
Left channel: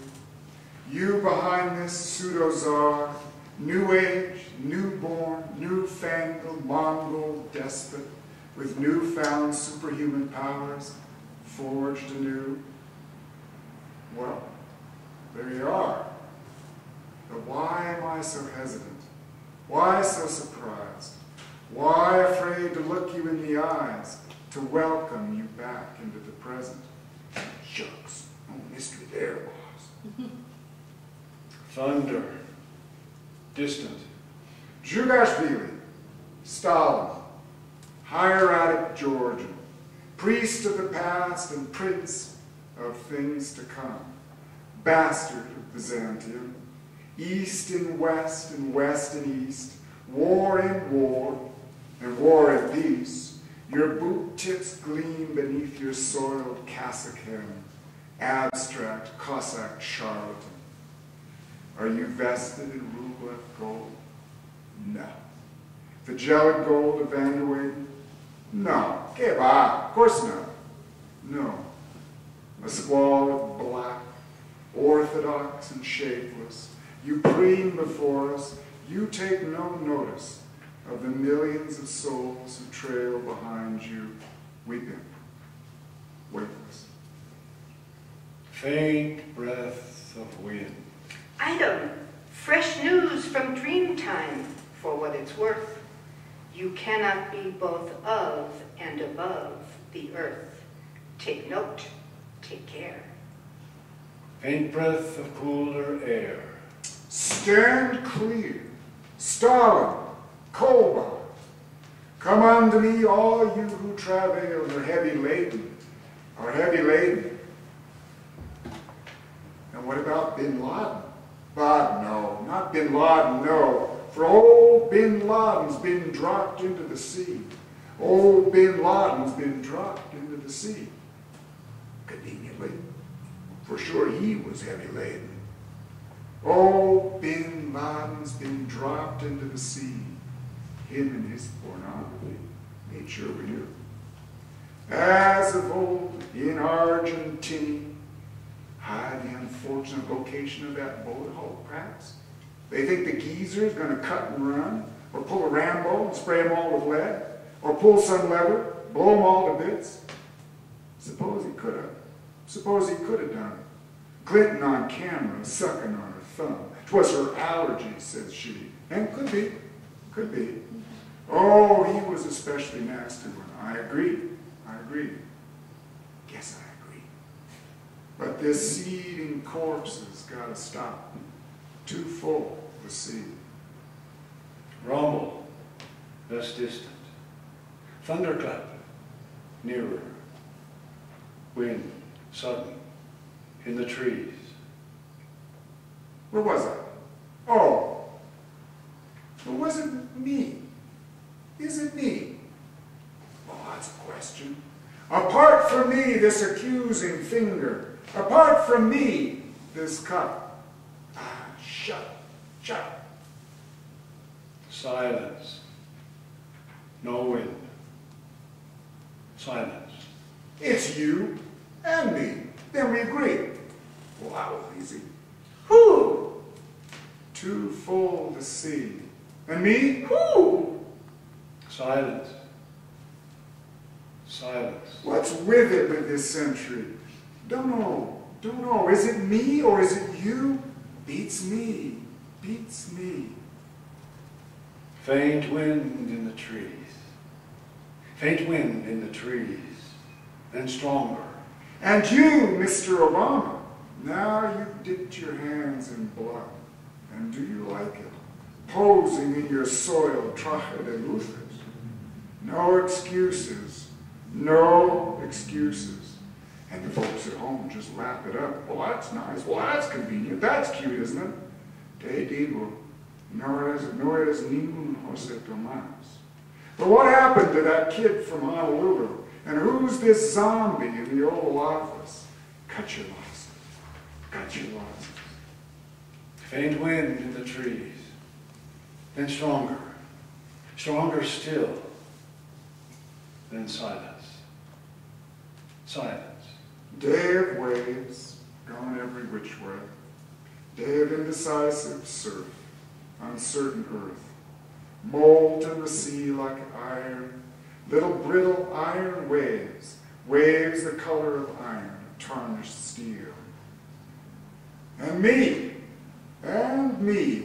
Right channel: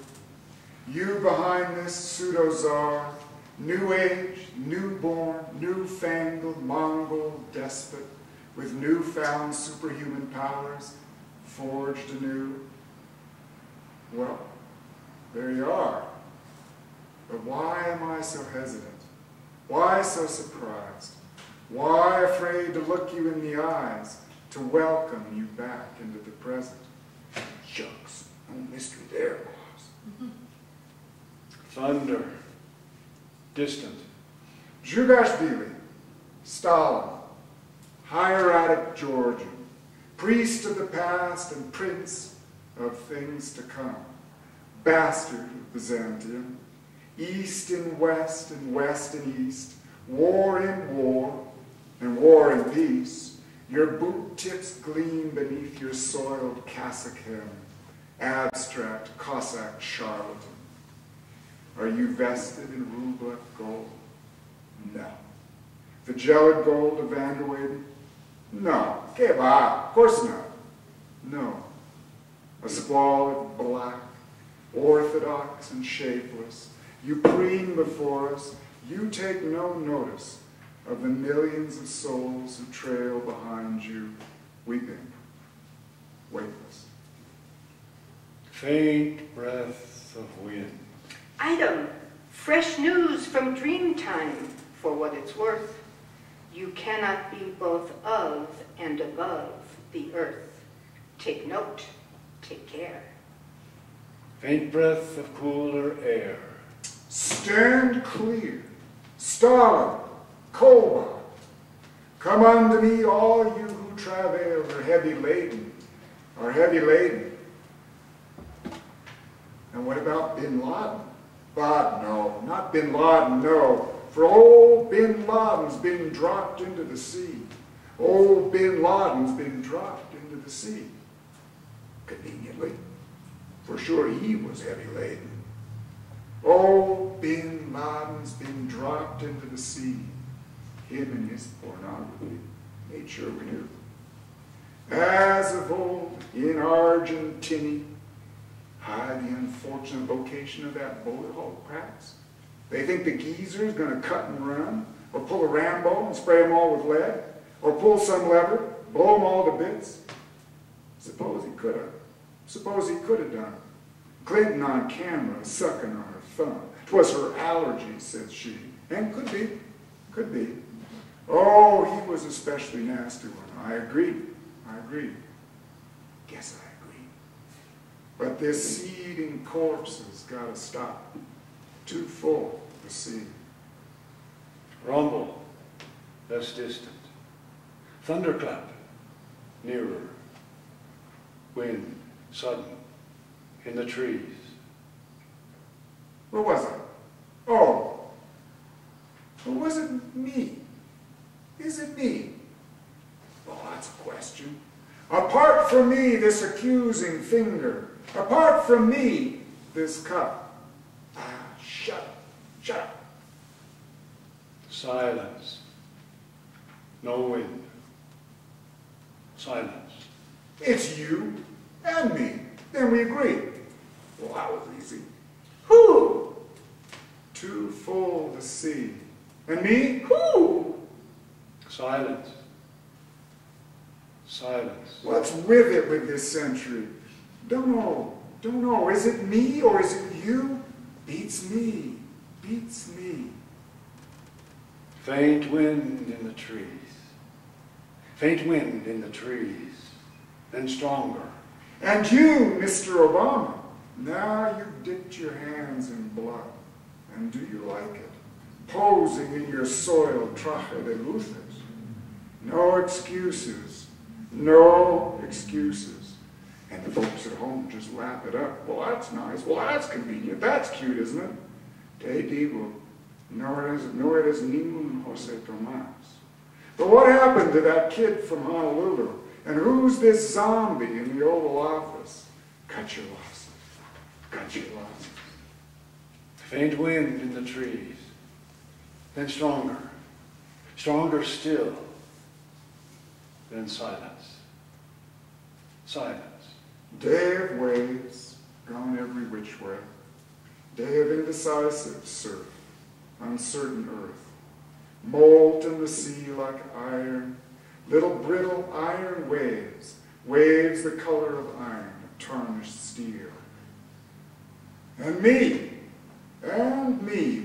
You behind this pseudo-czar, new age, newborn, newfangled Mongol despot with newfound superhuman powers, forged anew? Well, there you are. But why am I so hesitant? Why so surprised? Why afraid to look you in the eyes, to welcome you back into the present? Shucks, no mystery there, boss. Thunder. Distant. Zhugashvili, Stalin, hieratic Georgian, priest of the past and prince of things to come, bastard of Byzantium, east and west and east, war in war, and war in peace. Your boot tips gleam beneath your soiled cassock hem, abstract Cossack charlatan. Are you vested in Rublev gold? No. The gelid gold of Van der Weyden? No. Que va, of course not. No. A squalid black, orthodox and shapeless, you preen before us, you take no notice of the millions of souls who trail behind you, weeping, weightless. Faint breath of wind. Item, fresh news from Dreamtime, for what it's worth. You cannot be both of and above the earth. Take note, take care. Faint breath of cooler air. Stand clear, Stalin, Kolbar. Come unto me, all you who travail are heavy laden, And what about Bin Laden? But no, not Bin Laden, no. For old Bin Laden's been dropped into the sea. Old Bin Laden's been dropped into the sea. Conveniently. For sure he was heavy laden. Old Bin Laden's been dropped into the sea. Him and his pornography made sure we knew. As of old in Argentina, hide the unfortunate location of that bullet hole, perhaps? They think the geezer's going to cut and run, or pull a Rambo and spray them all with lead, or pull some lever, blow them all to bits. Suppose he could have. Suppose he could have done it. Clinton on camera, sucking on her thumb. 'Twas her allergy, says she. And could be. Could be. Oh, he was a especially nasty one. I agree. Guess I agree. But this seeding corpse has got to stop. Too full, the sea. Rumble. Less distant. Thunderclap. Nearer. Wind. Sudden. In the trees. Where was I? Oh. Or was it me? Is it me? Well, that's a question. Apart from me, this accusing finger. Apart from me, this cup. Ah, shut up. Shut up. Silence. No wind. Silence. It's you and me. Then we agree. Well, that was easy. Who? Too full to see. And me? Who? Silence. Silence. What's with it with this century? Don't know. Don't know. Is it me or is it you? Beats me. Beats me. Faint wind in the trees. Faint wind in the trees. Then stronger. And you, Mr. Obama, now you've dipped your hands in blood. And do you like it? Posing in your soiled traje de luces. No excuses. No excuses. And the folks at home just lap it up. Well, that's nice. Well, that's convenient. That's cute, isn't it? Te digo, no eres ningún Jose Tomas. But what happened to that kid from Honolulu? And who's this zombie in the Oval Office? Cut your losses. Cut your losses. Faint wind in the trees. Then stronger. Stronger still. Then silence. Silence. Day of waves, gone every which way. Day of indecisive surf, uncertain earth. Molten the sea like iron, little brittle iron waves, waves the color of iron, tarnished steel. And me,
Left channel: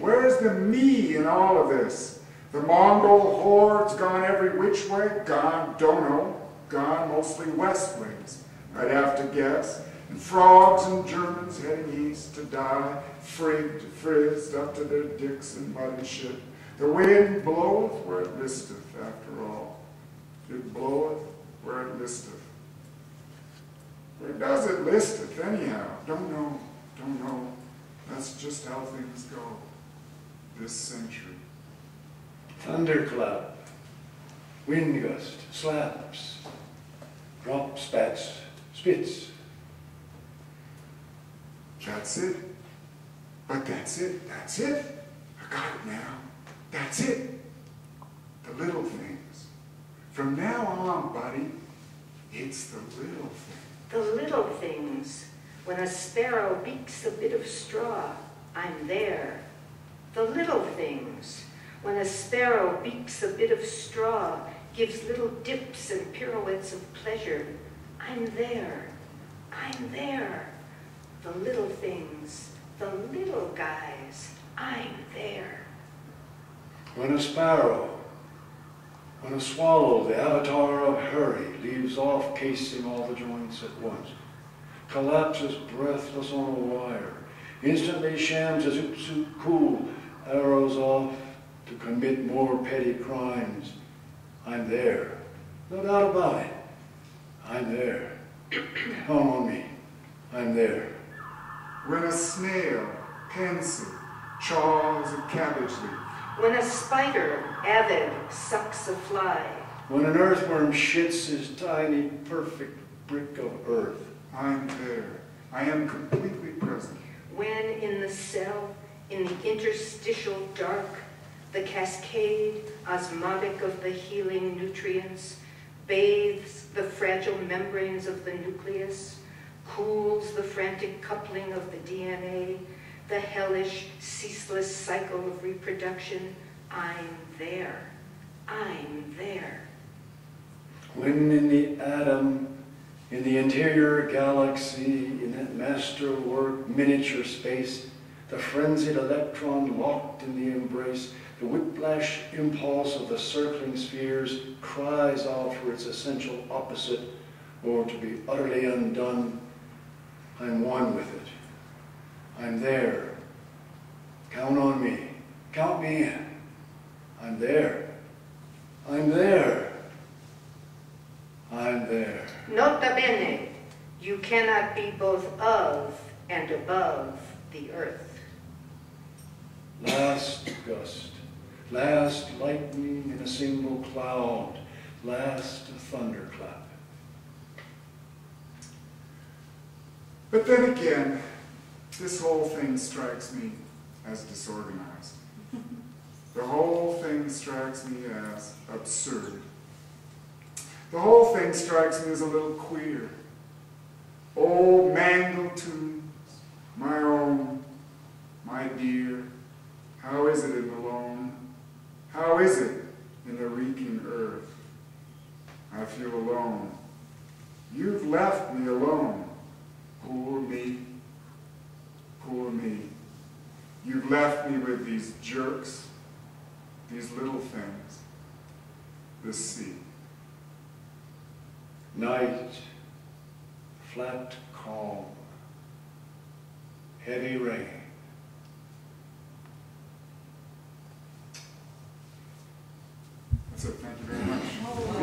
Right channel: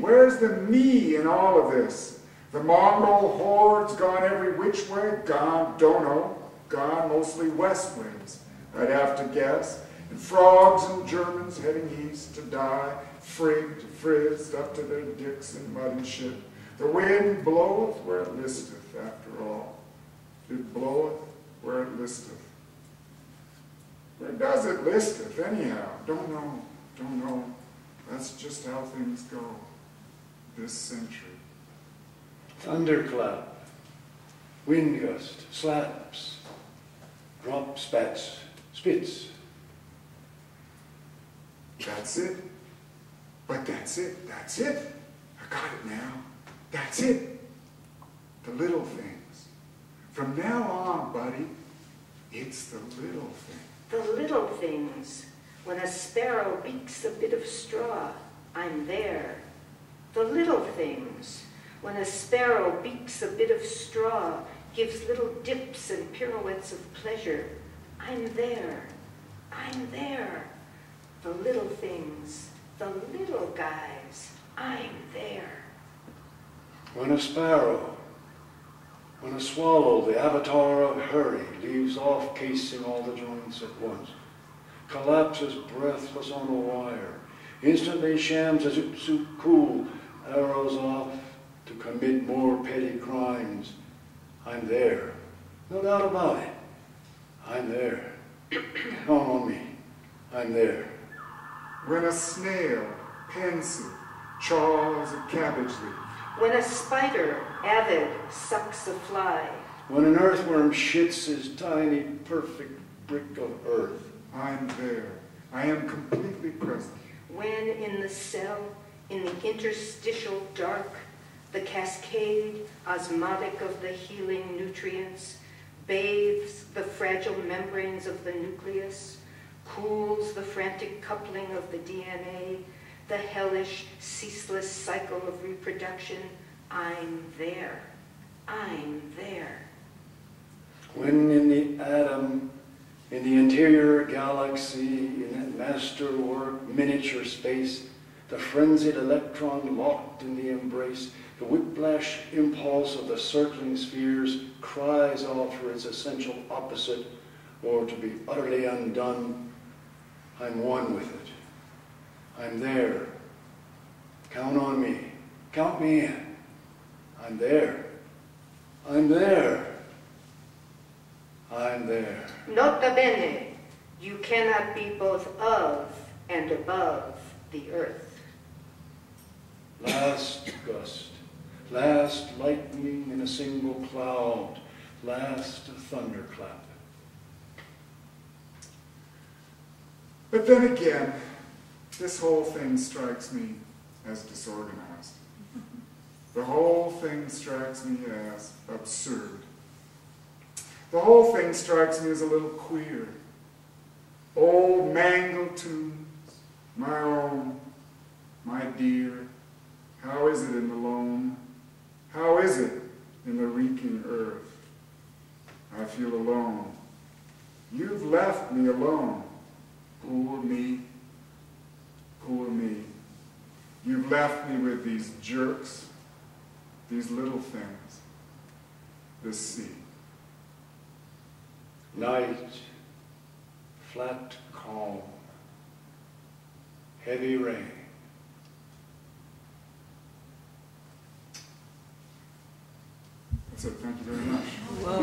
where's the me in all of this? The Mongol hordes gone every which way? Gone, don't know, gone mostly westways, I'd have to guess. And frogs and Germans heading east to die, frigged, frizzed up to their dicks in mud and shit. The wind bloweth where it listeth, after all. It bloweth where it listeth. Where does it listeth, anyhow? Don't know. That's just how things go this century. Thunderclap, wind gust, slaps, drop spats, spits. That's it. But that's it. I got it now. That's it. The little things. From now on, buddy, it's the little things. The little things. When a sparrow beaks a bit of straw, I'm there. The little things. When a sparrow beaks a bit of straw, gives little dips and pirouettes of pleasure, I'm there. I'm there. The little things. The little guys. I'm there. When a sparrow, when a swallow, the avatar of hurry, leaves off casing all the joints at once, collapses breathless on a wire, instantly shams as Utsu cool, arrows off to commit more petty crimes, I'm there. No doubt about it. I'm there. Count on me. I'm there. When a snail, pensive, chaws a cabbage leaf. When a spider, avid, sucks a fly. When an earthworm shits his tiny, perfect brick of earth. I'm there. I am completely present. When in the cell, in the interstitial dark, the cascade, osmotic of the healing nutrients, bathes the fragile membranes of the nucleus, cools the frantic coupling of the DNA, the hellish, ceaseless cycle of reproduction, I'm there. I'm there. When in the atom, in the interior galaxy, in that masterwork miniature space, the frenzied electron locked in the embrace, the whiplash impulse of the circling spheres cries out for its essential opposite, or to be utterly undone. I'm one with it. I'm there. Count on me. Count me in. I'm there. I'm there. I'm there. Nota bene, you cannot be both of and above the earth. Last gust, last lightning in a single cloud, last thunderclap. But then again, this whole thing strikes me as disorganized. The whole thing strikes me as absurd. The whole thing strikes me as a little queer. Old mangled tunes, my own, my dear. How is it in the loam? How is it in the reeking earth? I feel alone. You've left me alone. Poor me. Poor me. You've left me with these jerks, these little things, this sea. Night, flat calm, heavy rain. That's it. Thank you very much.